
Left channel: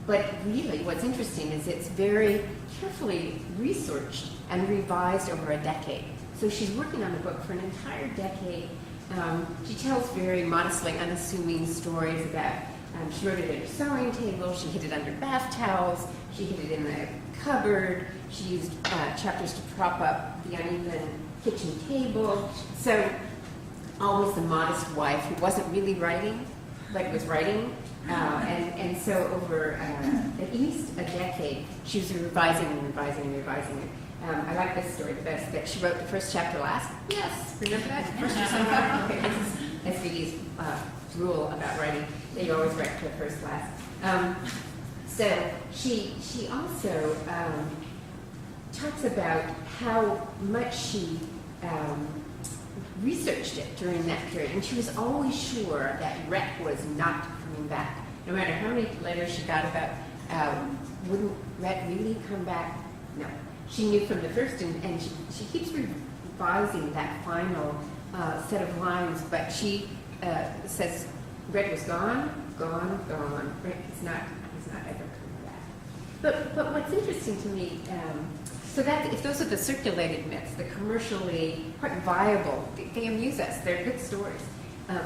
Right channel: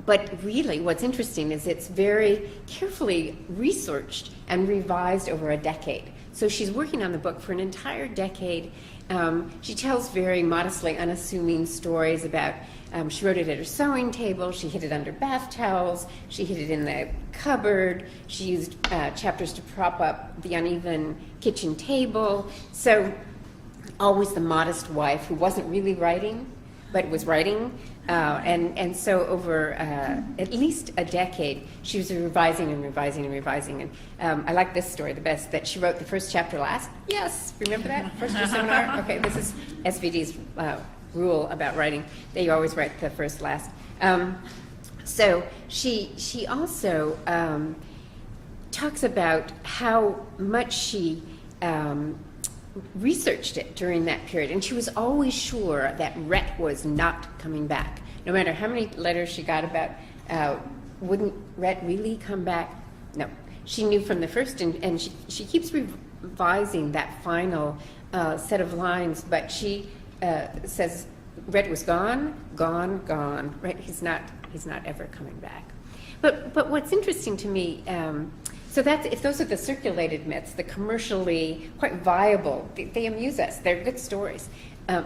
But really, what's interesting is it's very carefully researched and revised over a decade. So she's working on the book for an entire decade. She tells very modestly unassuming stories about, she wrote it at her sewing table, she hid it under bath towels, she hid it in the cupboard. She used chapters to prop up the uneven kitchen table. So always the modest wife who wasn't really writing, but was writing. And so over at least a decade, she was revising and revising and revising. And I like this story the best, that she wrote the first chapter last. Yes, remember that? First or somewhere? Okay, this is SVD's rule about writing, that you always write the first last. So she also talks about how much she researched it during that period, and she was always sure that Rhett was not coming back. No matter how many letters she got about, wouldn't Rhett really come back? No. She knew from the first, and she keeps revising that final set of lines, but she says Rhett was gone. Rhett, he's not ever coming back. But what's interesting to me, so that if those are the circulated myths, the commercially quite viable, they amuse us. They're good stories.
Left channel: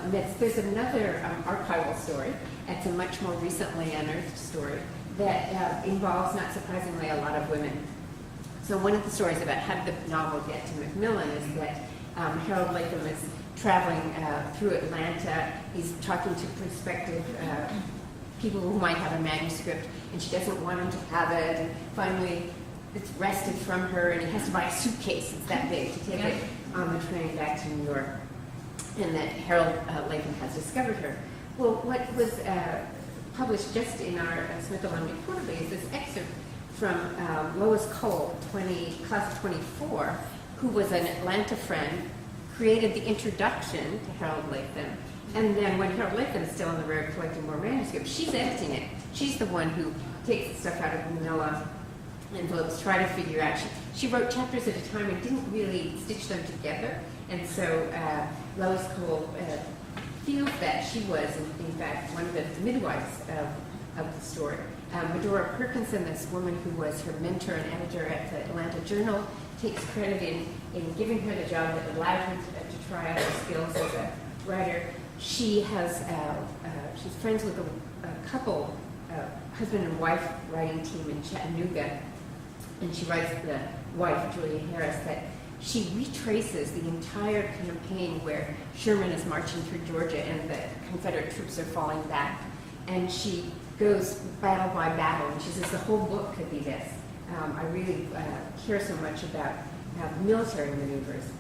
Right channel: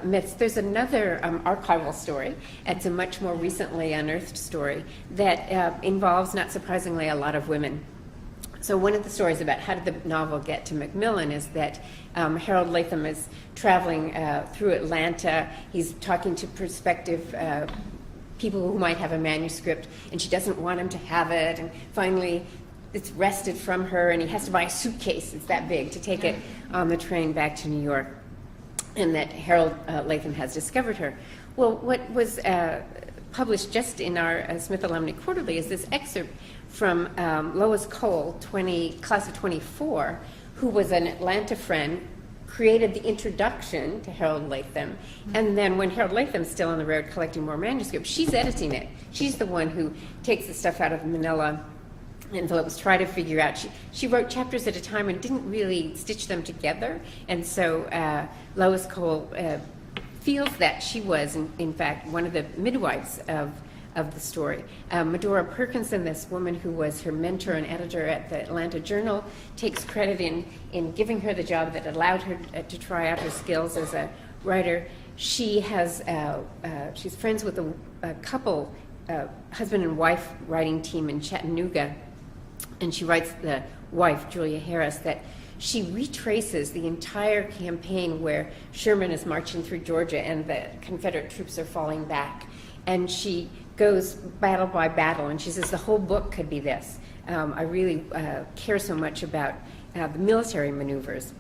Myths. There's another archival story. It's a much more recently unearthed story that involves, not surprisingly, a lot of women. So one of the stories about how did the novel get to Macmillan is that Harold Latham is traveling through Atlanta. He's talking to prospective people who might have a manuscript, and she doesn't want him to have it. And finally, it's wrested from her, and he has to buy a suitcase that's that big to take it on the train back to New York. And that Harold Latham has discovered her. Well, what was published just in our Smith Alumni Quarterly is this excerpt from Lois Cole, class of 24, who was an Atlanta friend, created the introduction to Harold Latham. And then when Harold Latham's still on the road collecting more manuscripts, she's editing it. She's the one who takes the stuff out of the manila envelopes, try to figure out. She wrote chapters at a time and didn't really stitch them together. And so Lois Cole feels that she was, in fact, one of the midwives of the story. Medora Perkinson, this woman who was her mentor and editor at the Atlanta Journal, takes credit in giving her the job that allowed her to try out her skills as a writer. She has she's friends with a couple, husband and wife writing team in Chattanooga, and she writes the wife, Julia Harris, that she retraces the entire campaign where Sherman is marching through Georgia and the Confederate troops are falling back. And she goes battle by battle, and she says the whole book could be this. I really care so much about military maneuvers.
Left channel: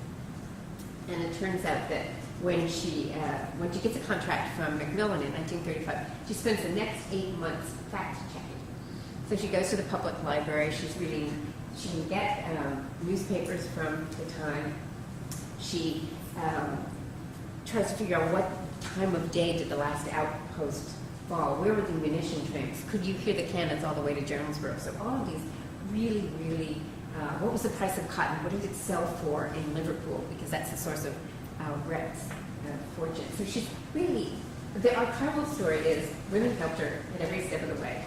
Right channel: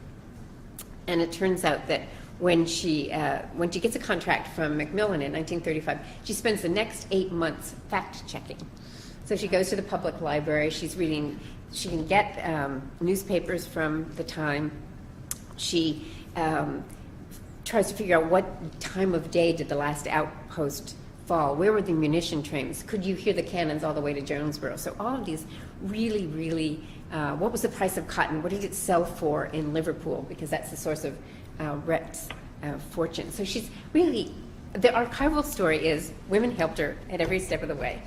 And it turns out that when she gets a contract from Macmillan in 1935, she spends the next 8 months fact-checking. So she goes to the public library, she's reading, she can get newspapers from the time. She tries to figure out what time of day did the last outpost fall, where were the munition trains, could you hear the cannons all the way to Jonesboro? So all of these really, really, what was the price of cotton, what did it sell for in Liverpool, because that's the source of Rhett's fortune. So she's really, the archival story is women helped her at every step of the way,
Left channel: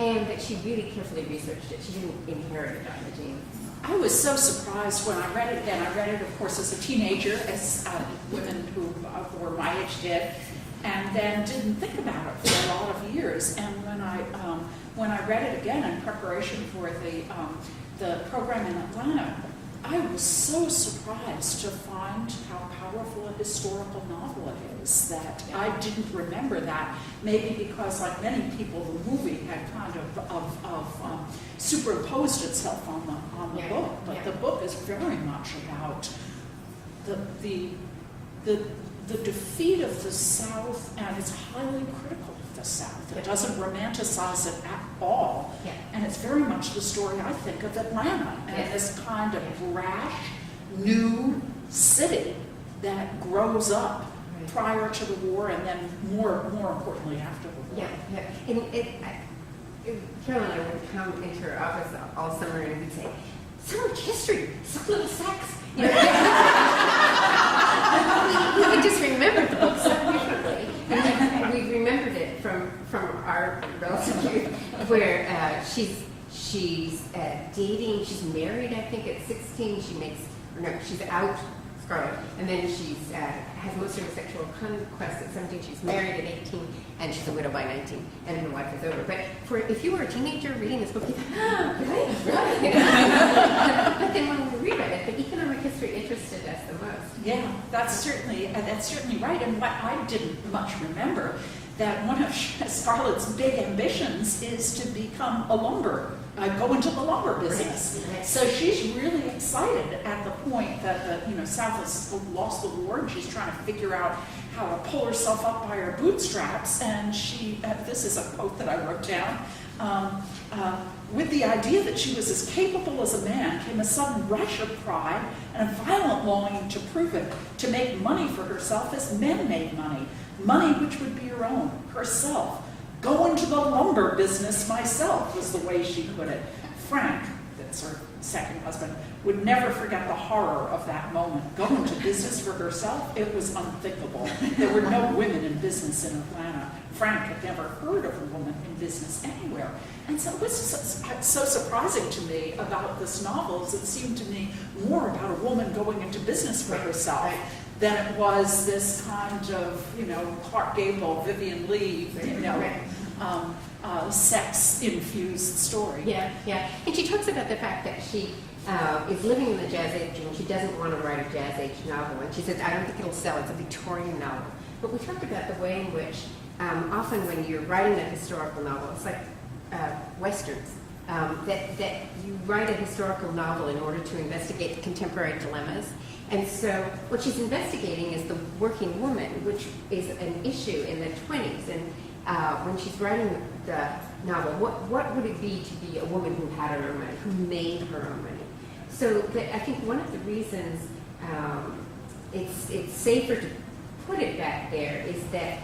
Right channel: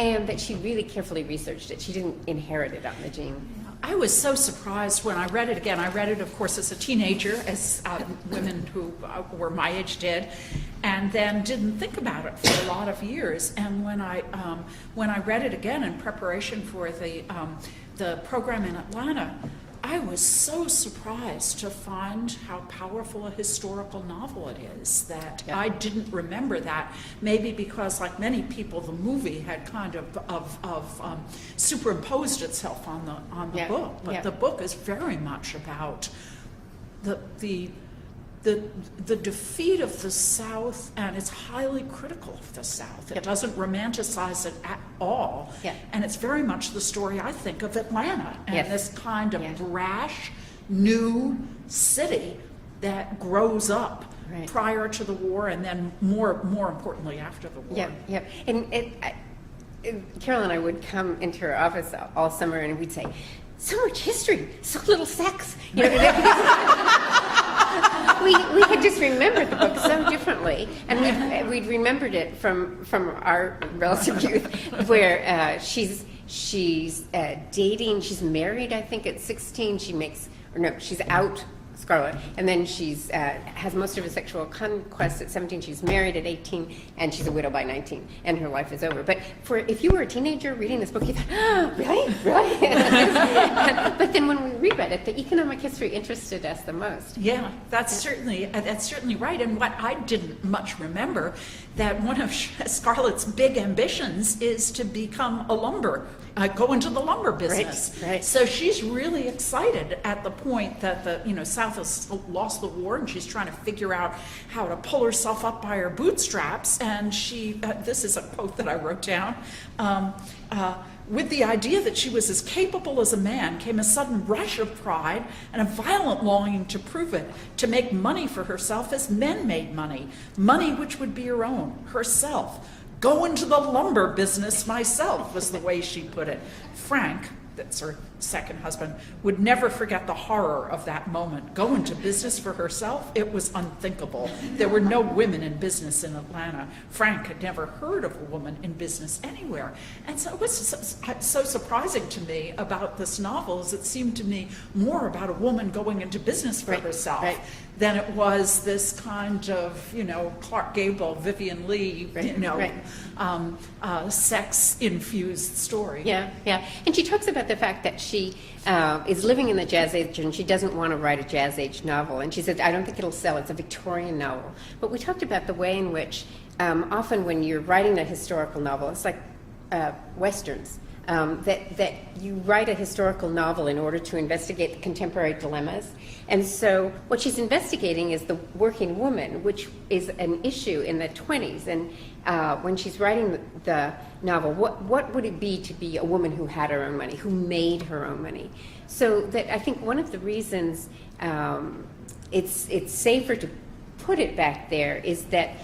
and that she really carefully researched it. She didn't inherit it on the gene. I was so surprised when I read it again. I read it, of course, as a teenager, as women who were my age did, and then didn't think about it for a lot of years. And when I read it again in preparation for the program in Atlanta, I was so surprised to find how powerful a historical novel it is that I didn't remember that. Maybe because, like many people, the movie had kind of superimposed itself on the book. But the book is very much about the defeat of the South, and it's highly critical of the South. It doesn't romanticize it at all. And it's very much the story, I think, of Atlanta and this kind of brash, new city that grows up prior to the war and then more importantly after the war. And Carol and I would come into her office all summer and we'd say, so much history, so little sex. You know, we could just remember the book so differently, and we remembered it from our relative youth, where she's dating. She's married, I think, at 16. She's out Scarlett, and then she's has most of her sexual conquests at 17. She's married at 18, and she's a widow by 19, and her life is over. But if you were a teenager reading this book, you think, really? But then when we reread it, the economic history interested us the most. Yeah, that's certainly right. And what I didn't much remember, that one of Scarlett's big ambitions is to become go into the lumber business. Right. So she's really excited at the point that the South has lost the war, and she's trying to figure out how to pull herself up by her bootstraps. And she, this is a quote that I wrote down. With the idea that she was as capable as a man came a sudden rush of pride and a violent longing to prove it, to make money for herself as men made money which would be her own, herself. Go into the lumber business myself, was the way she put it. Frank, that's her second husband, would never forget the horror of that moment. Go into business for herself? It was unthinkable. There were no women in business in Atlanta. Frank had never heard of a woman in business anywhere. And so it was so surprising to me about this novel, is it seemed to me more about a woman going into business for herself than it was this kind of, Clark Gable, Vivian Leigh, sex-infused story. Yeah. And she talks about the fact that she is living in the Jazz Age, and she doesn't want to write a Jazz Age novel. And she said, I don't think it'll sell. It's a Victorian novel. But we talked about the way in which often when you're writing a historical novel, it's like Westerns, that you write a historical novel in order to investigate contemporary dilemmas. And so what she's investigating is the working woman, which is an issue in the 20s. And when she's writing the novel, what would it be to be a woman who had her own money, who made her own money? So that I think one of the reasons it's safer to put it back there is that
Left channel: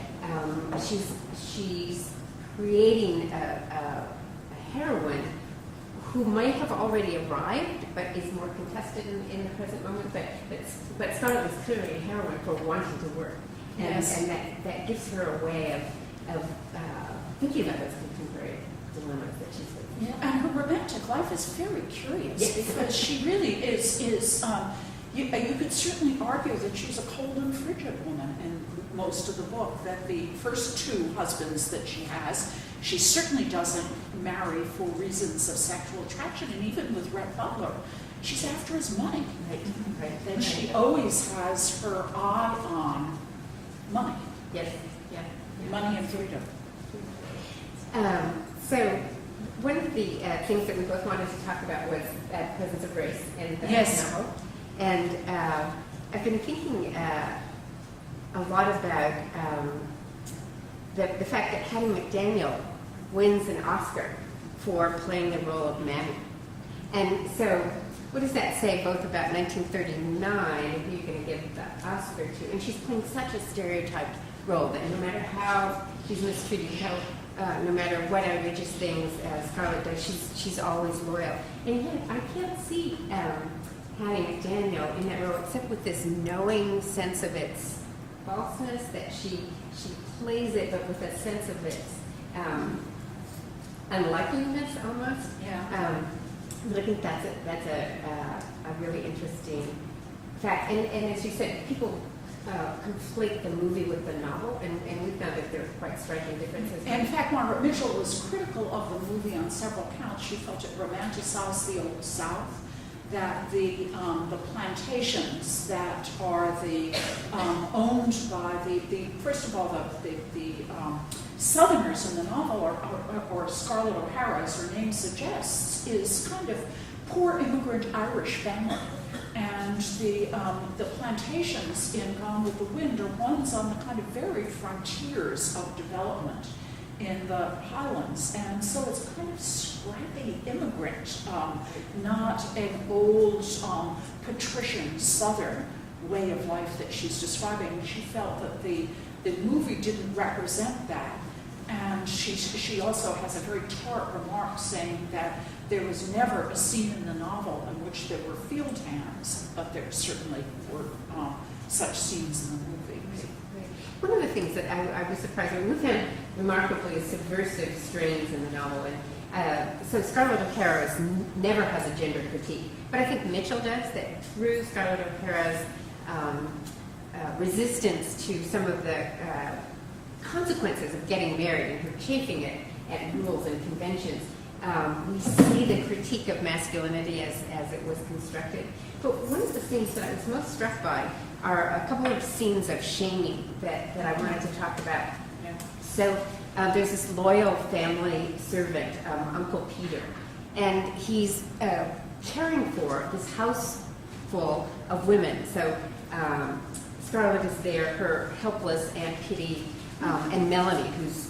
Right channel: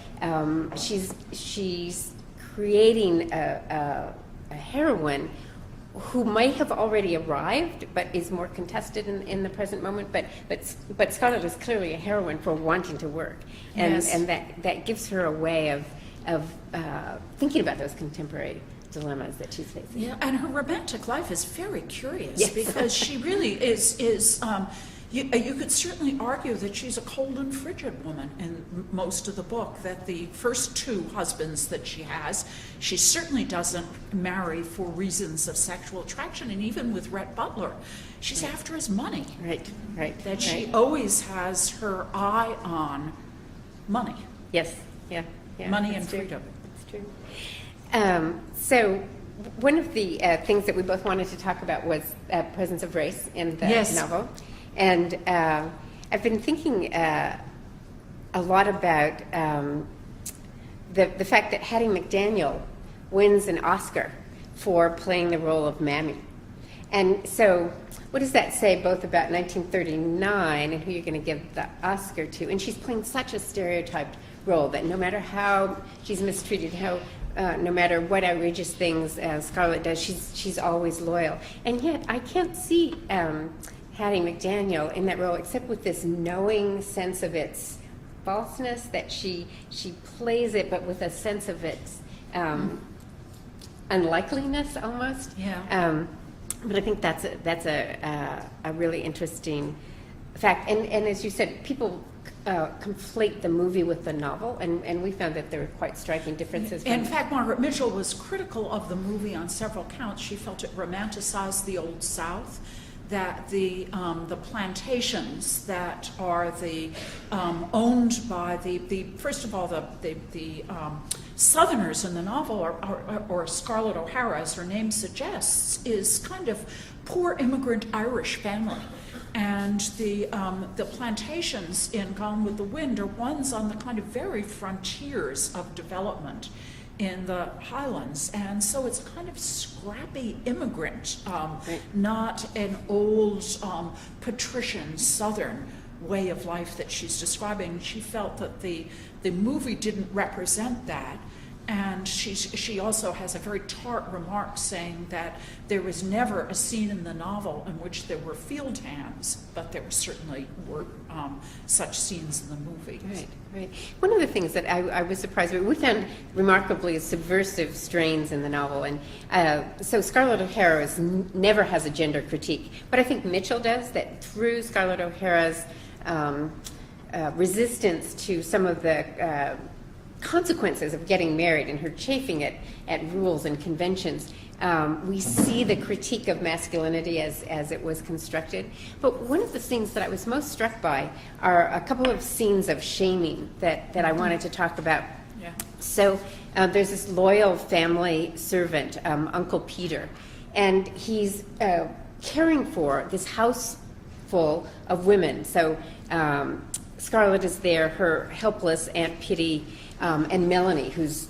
she's creating a heroine who might have already arrived, but is more contested in the present moment. But Scarlett is clearly a heroine for wanting to work, and that gives her a way of thinking about those contemporary dilemmas that she's facing. Yeah, and her romantic life is very curious because she really is. You could certainly argue that she's a cold and frigid woman in most of the book, that the first two husbands that she has, she certainly doesn't marry for reasons of sexual attraction, and even with Rhett Butler, she's after his money. Right. That she always has her eye on money. Yes, yeah. Money and freedom. That's true. So one of the things that we both wanted to talk about was presence of race in the novel. And I've been thinking a lot about the fact that Hattie McDaniel wins an Oscar for playing the role of Mammy. And so what does that say both about 1939 and who you're going to give the Oscar to? And she's playing such a stereotyped role that no matter how she's mistreated, no matter what outrageous things Scarlett does, she's always loyal. And yet I can't see Hattie McDaniel in that role except with this knowing sense of its falseness, that she plays it but with a sense of its unlikeliness almost. Yeah. But I think that's a really interesting fact. And as you said, people conflate the movie with the novel, and we found that there were quite striking differences. In fact, Margaret Mitchell was critical of the movie on several counts. She felt it romanticized the Old South, that the plantations that are owned by the first of all the Southerners in the novel, or Scarlett O'Hara, as her name suggests, is kind of poor immigrant Irish family. And the plantations in Gone with the Wind are ones on the kind of very frontiers of development in the Highlands. And so it's kind of scrappy immigrant, not an old patrician Southern way of life that she's describing. She felt that the movie didn't represent that. And she also has a very tart remark saying that there was never a scene in the novel in which there were field hands, but there certainly were such scenes in the movie. Right. One of the things that I was surprised with, we found remarkably subversive strains in the novel, and so Scarlett O'Hara never has a gender critique, but I think Mitchell does, that through Scarlett O'Hara's resistance to some of the consequences of getting married and her chafing at rules and conventions. We see the critique of masculinity as it was constructed. But one of the things that I was most struck by are a couple of scenes of shaming that I wanted to talk about. Yeah. So there's this loyal family servant, Uncle Peter, and he's caring for this house full of women. So Scarlett is there, her helpless Aunt Pitty, and Melanie, who's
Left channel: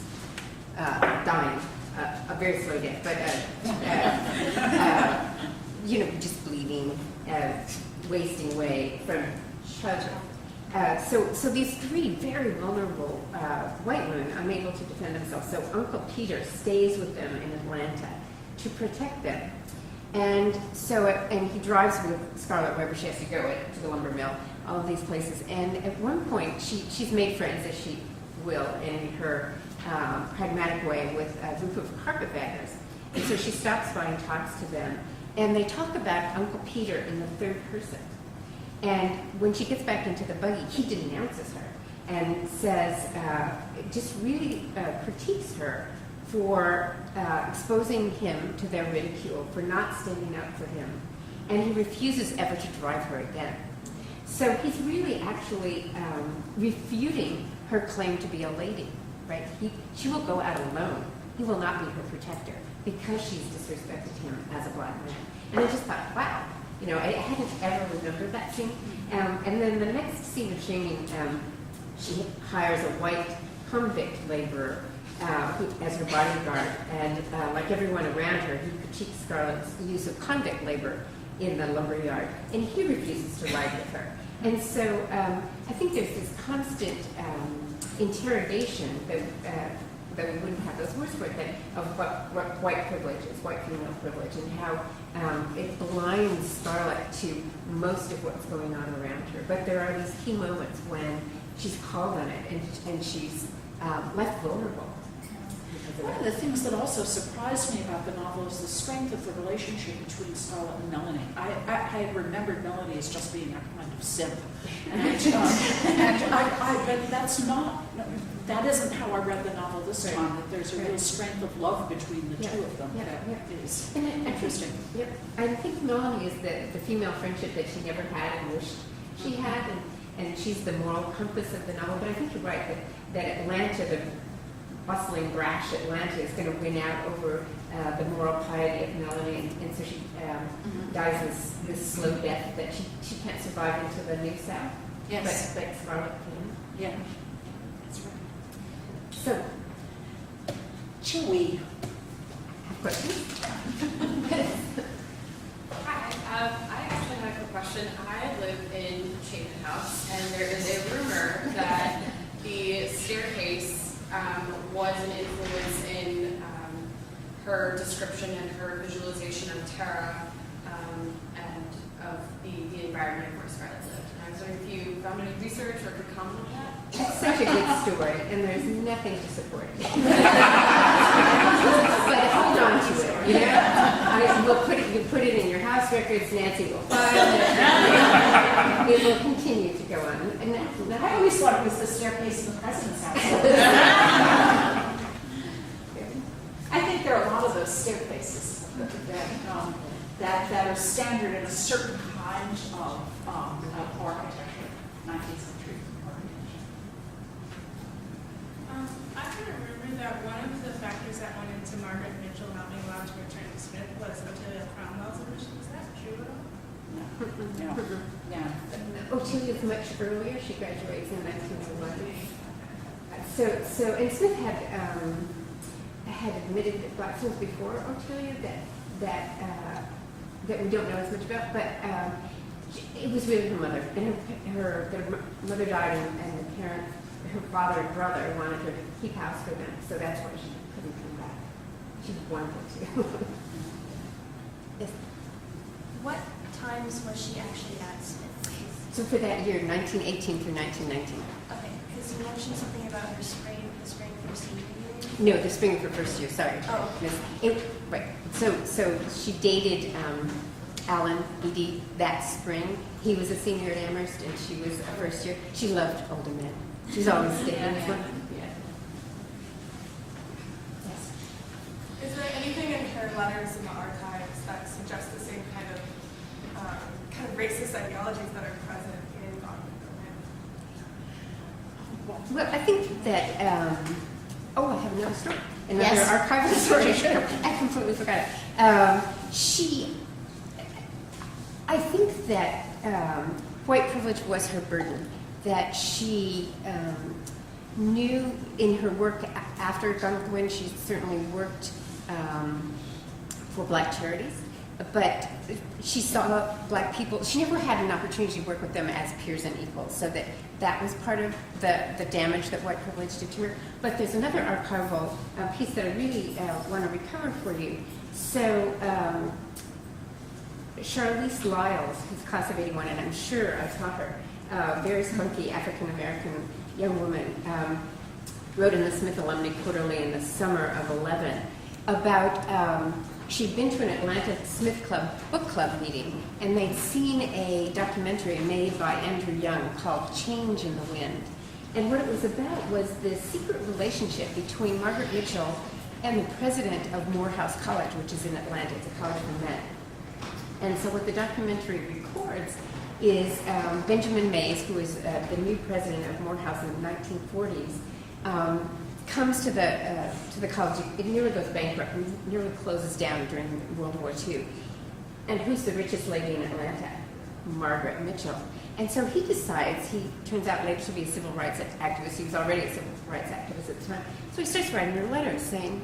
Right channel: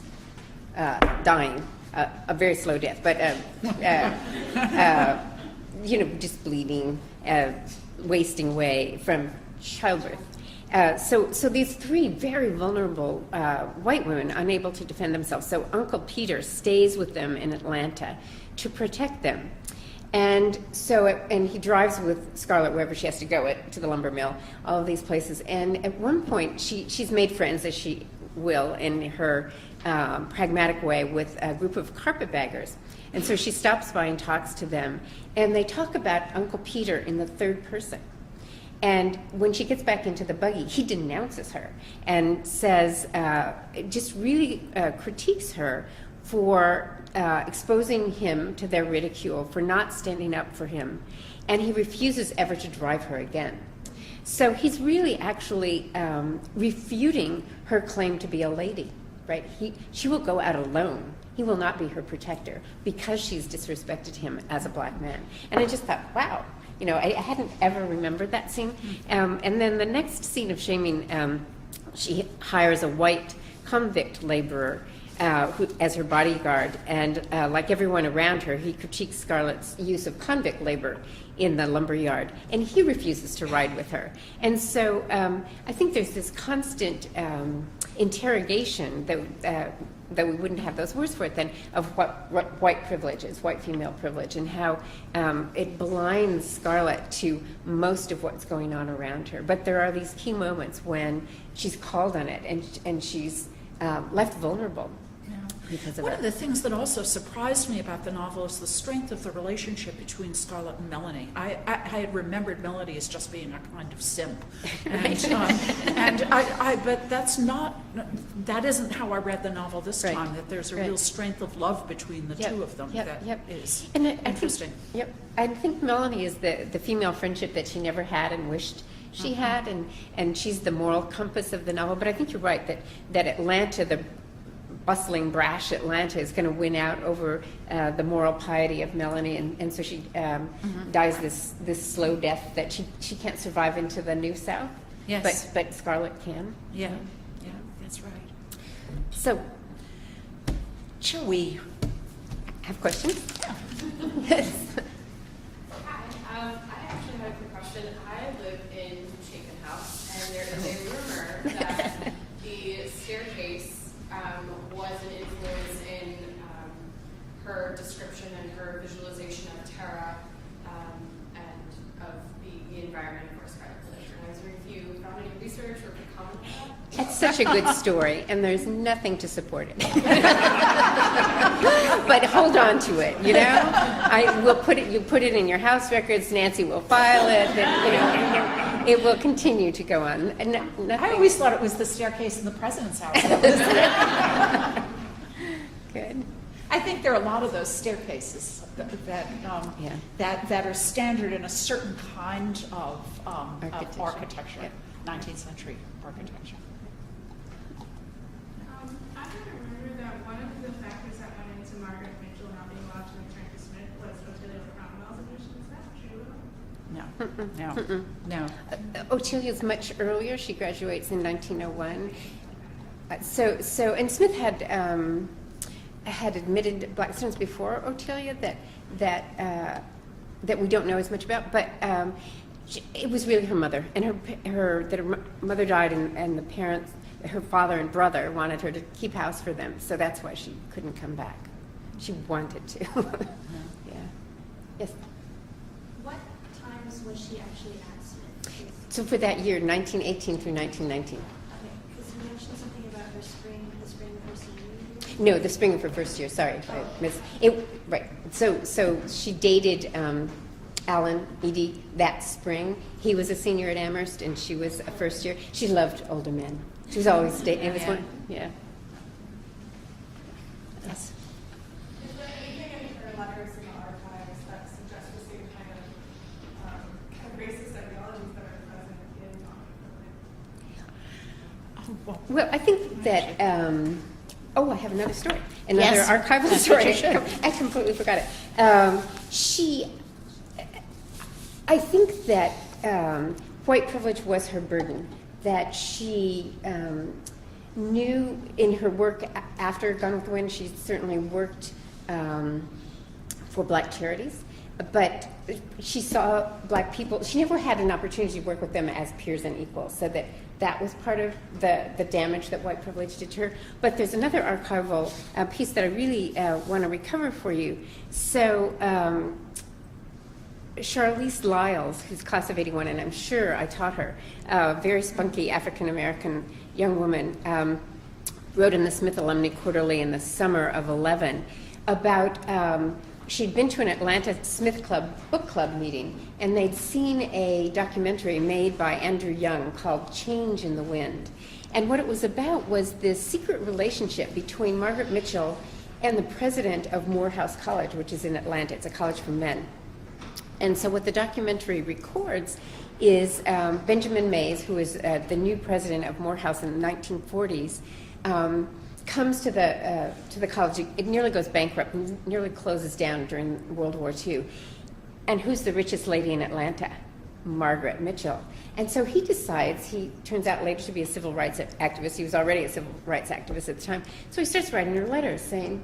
dying a very slow death, but just bleeding, wasting away from childbirth. So these three very vulnerable white women, unable to defend themselves. So Uncle Peter stays with them in Atlanta to protect them. And he drives with Scarlett wherever she has to go, to the lumber mill, all of these places. And at one point, she's made friends, as she will, in her pragmatic way, with a group of carpetbaggers. And so she stops by and talks to them. And they talk about Uncle Peter in the third person. And when she gets back into the buggy, he denounces her and says, just really critiques her for exposing him to their ridicule, for not standing up for him. And he refuses ever to drive her again. So he's really actually refuting her claim to be a lady, right? She will go out alone. He will not be her protector because she's disrespected him as a black man. And I just thought, wow, I hadn't ever remembered that scene. And then the next scene of shaming, she hires a white convict laborer as her bodyguard, and like everyone around her, he critiques Scarlett's use of convict labor in the lumber yard, and he refuses to ride with her. And so I think there's this constant interrogation that we wouldn't have those words for it then, of what white privilege is, white female privilege, and how it blinds Scarlett to most of what's going on around her. But there are these key moments when she's called on it, and she's left vulnerable. One of the things that also surprised me about the novel is the strength of the relationship between Scarlett and Melanie. I had remembered Melanie as just being a kind of simp, but that isn't how I read the novel this Right. time. That there's a real strength of love between the two of them. That is interesting. I think Melanie is the female friendship that she never had and wished she had, and she's the moral compass of the novel. But I think you're right that Atlanta, the bustling, brash Atlanta, is going to win out over the moral piety of Melanie, and so she dies this slow death that she can't survive into the New South. Yes. But Scarlett can. Yeah, that's right. So, Shall we have questions? Hi, I actually have a question. I live in Chapman House, and there is a rumor that the staircase was an influence in her description and her visualization of Tara and of the environment where Scarlett lived. And I was wondering if you found any research or could comment on that? It's such a good story, and there's nothing to support it. But hold on to it, I will put it. You put it in your house records. Nancy will file it. It will continue to go on. I always thought it was the staircase in the president's house. Good. I think there are a lot of those staircases that are standard in a certain kind of architecture, 19th century architecture. I remember that one of the factors that went into Margaret Mitchell not being allowed to return to Smith was Otelia Cromwell's admission. Is that true at all? No. Otelia's much earlier. She graduates in 1901. And Smith had admitted black students before Otelia that we don't know as much about, but it was really her mother, and her mother died, and the parents, her father and brother, wanted her to keep house for them, so that's why she couldn't come back. She wanted to. Yes. What times was she actually at Smith? So for that year, 1918 through 1919. Okay, because you mentioned something about the spring of her senior year. No, the spring of her first year. Sorry, Oh. Right. So she dated Alan, Edie, that spring. He was a senior at Amherst, and she was a first year. She loved older men. She was always dating this one. Yeah. Yes. Is there anything in her letters in the archives that suggest the same kind of racist ideologies that are present in Gone with the Wind? Well, I think that, I have another story. Another Yes. archival story. I completely forgot it. I think that white privilege was her burden, that she knew in her work after Gone with the Wind, she certainly worked for black charities, but she saw black people, she never had an opportunity to work with them as peers and equals, so that was part of the damage that white privilege did to her. But there's another archival piece that I really want to recover for you. So Charlize Lyles, who's class of '81, and I'm sure I taught her, very spunky African-American young woman, wrote in the Smith Alumni Quarterly in the summer of '11 about, she'd been to an Atlanta Smith book club meeting, and they'd seen a documentary made by Andrew Young called Change in the Wind. And what it was about was this secret relationship between Margaret Mitchell and the president of Morehouse College, which is in Atlanta. It's a college for men. And so what the documentary records is Benjamin Mays, who was the new president of Morehouse in the 1940s, comes to the college. It nearly goes bankrupt and nearly closes down during World War II. And who's the richest lady in Atlanta? Margaret Mitchell. And so he decides, he turns out later to be a civil rights activist. He was already a civil rights activist at the time. So he starts writing her letters saying,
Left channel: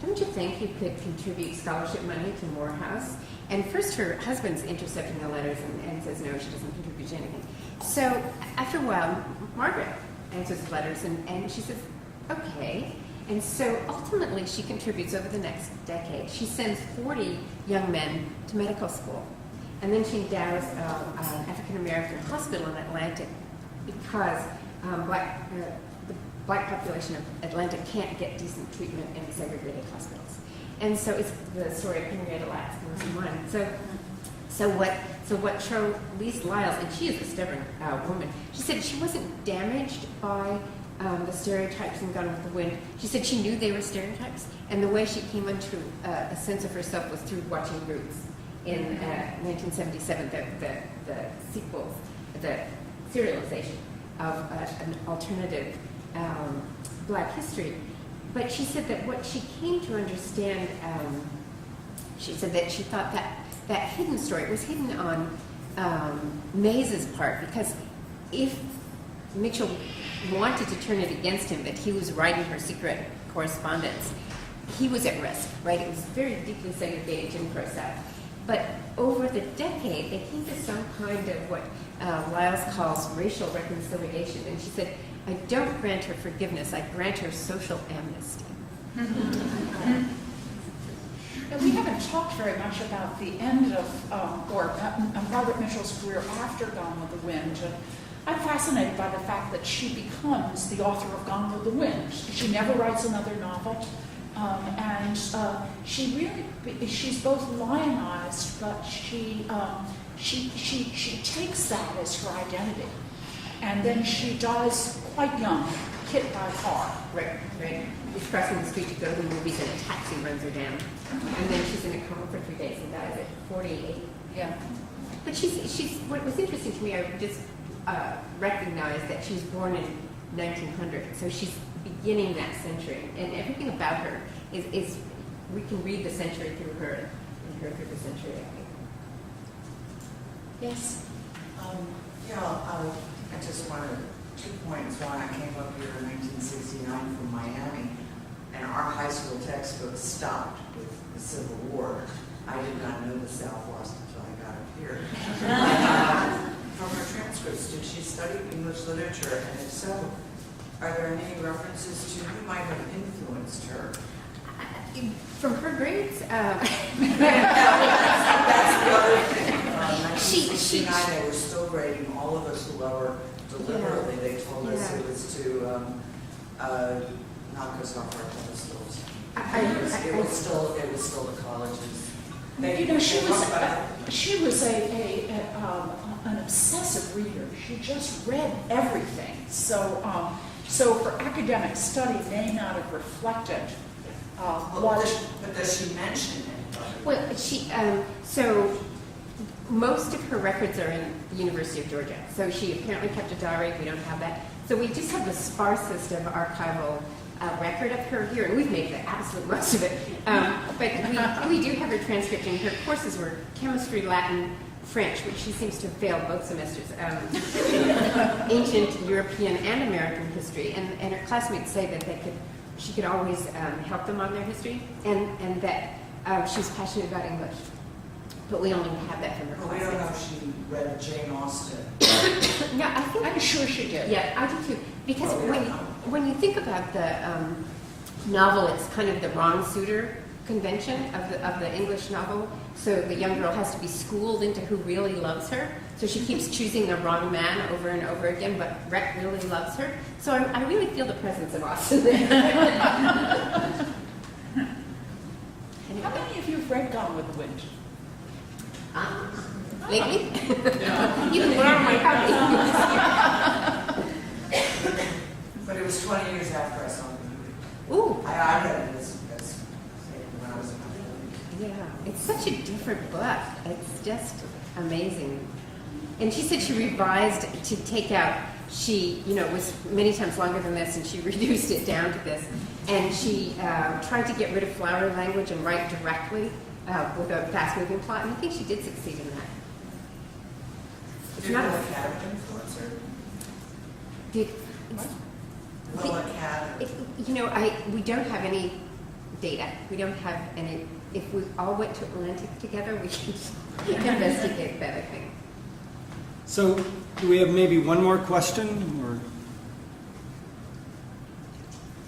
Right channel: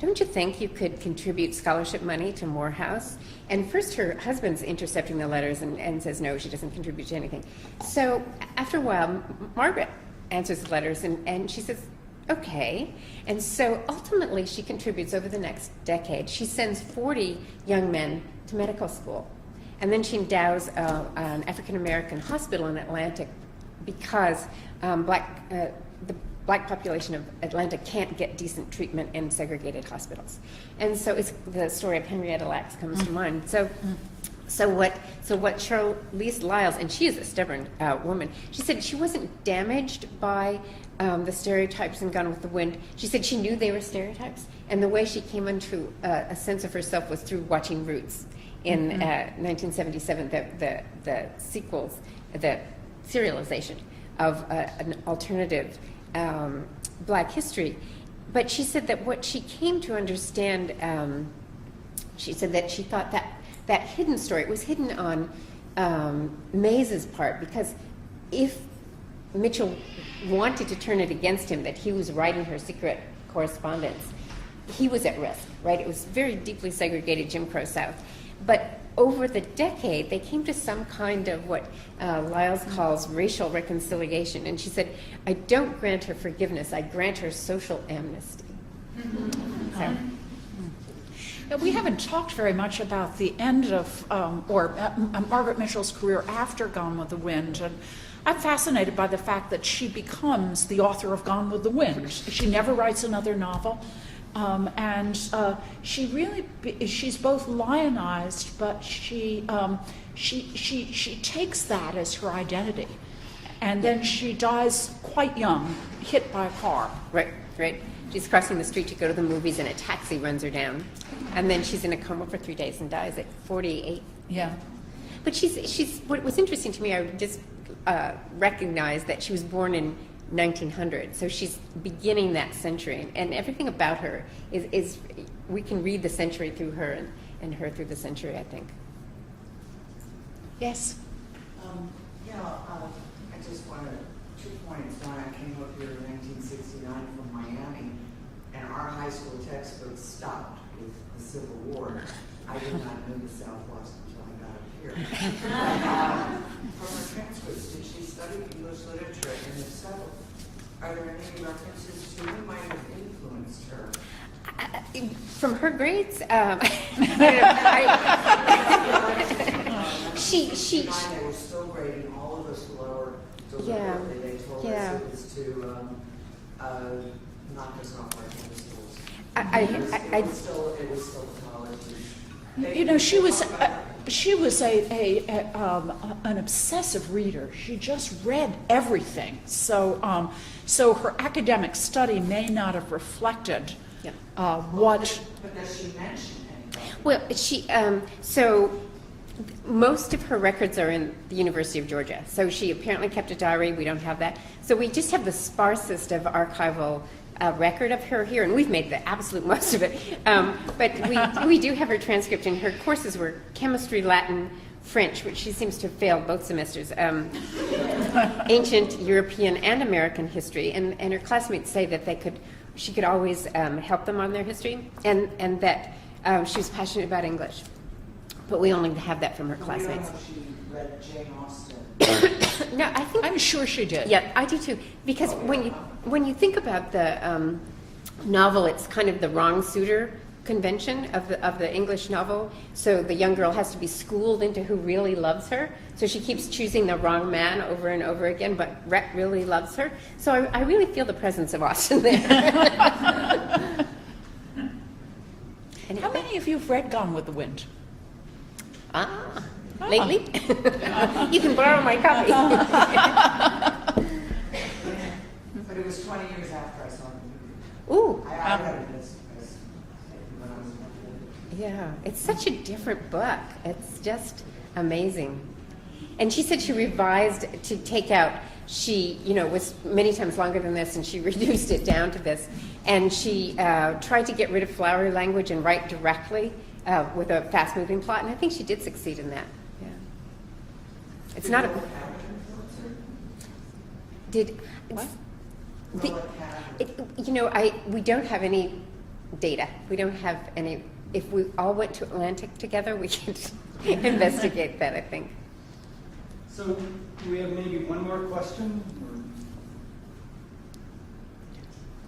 don't you think you could contribute scholarship money to Morehouse? And first her husband's intercepting the letters and says no, she doesn't contribute to anything. So after a while, Margaret answers the letters and she says, okay. And so ultimately she contributes over the next decade. She sends 40 young men to medical school. And then she endows an African-American hospital in Atlanta because the black population of Atlanta can't get decent treatment in segregated hospitals. And so it's the story of Henrietta Lacks comes to mind. So what Charlize Lyles, and she is a stubborn woman, she said she wasn't damaged by the stereotypes in Gone with the Wind. She said she knew they were stereotypes, and the way she came into a sense of herself was through watching Roots in 1977, the sequels, the serialization of an alternative black history. But she said that what she came to understand, she said that she thought that hidden story was hidden on Mays's part, because if Mitchell wanted to turn it against him, that he was writing her secret correspondence, he was at risk, right? It was very deeply segregated Jim Crow South. But over the decade, they came to some kind of what Lyles calls racial reconciliation. And she said, I don't grant her forgiveness, I grant her social amnesty. And we haven't talked very much about the end of, Margaret Mitchell's career after Gone with the Wind. And I'm fascinated by the fact that she becomes the author of Gone with the Wind. She never writes another novel. She's both lionized, but she takes that as her identity. And then she dies quite young, hit by a car. Right. She's crossing the street to go to the movies and a taxi runs her down. And then she's in a coma for 3 days and dies at 48. Yeah. But she's what was interesting to me, I just recognized that she was born in 1900. So she's beginning that century. And everything about her is we can read the century through her and her through the century, I think. Yes. I just wanted 2 points. One, I came up here in 1969 from Miami, and our high school textbooks stopped with the Civil War. I did not know the South lost until I got up here. From her transcripts, did she study English literature? And if so, are there any references to who might have influenced her? From her grades, she they were still grading all of us whoever deliberately. They told us it was to knock us off our pedestals. It was still at colleges. She was She was an obsessive reader. She just read everything. So, so her academic study may not have reflected what. But does she mention anybody? Well, so most of her records are in the University of Georgia. So she apparently kept a diary. We don't have that. So we just have the sparsest of archival record of her here, and we've made the absolute most of it. But we do have her transcript, and her courses were chemistry, Latin, French, which she seems to have failed both semesters, ancient European and American history, and her classmates say that she could always help them on their history, and that she was passionate about English. But we only have that from her We don't know classmates. if she read Jane Austen. No, I think I'm sure she did. yeah, I do too. Because when you think about the novel, it's kind of the wrong suitor convention of the English novel. So the young girl has to be schooled into who really loves her. So she keeps choosing the wrong man over and over again, but Rhett really loves her. So I really feel the presence of Austen there. How many of you have read Gone with the Wind? Lately? You can borrow my copy. But it was 20 years after I saw the movie. Ooh. I read it as when I was in my 40s. Yeah, it's such a different book. It's just amazing. And she said she revised to take out, she, was many times longer than this, and she reduced it down to this. And she tried to get rid of flowery language and write directly with a fast-moving plot, and I think she did succeed in that. It's not a... Academy influencer? Did... Public Academy. We don't have any data. We don't have any... If we all went to Atlantic together, we could investigate that, I think. So, do we have maybe one more question, or?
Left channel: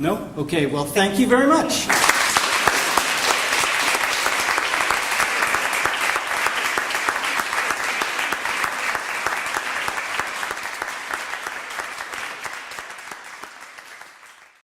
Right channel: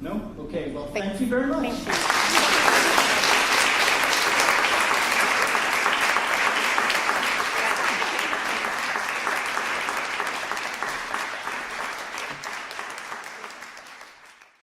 No? Okay, well, thank you very much.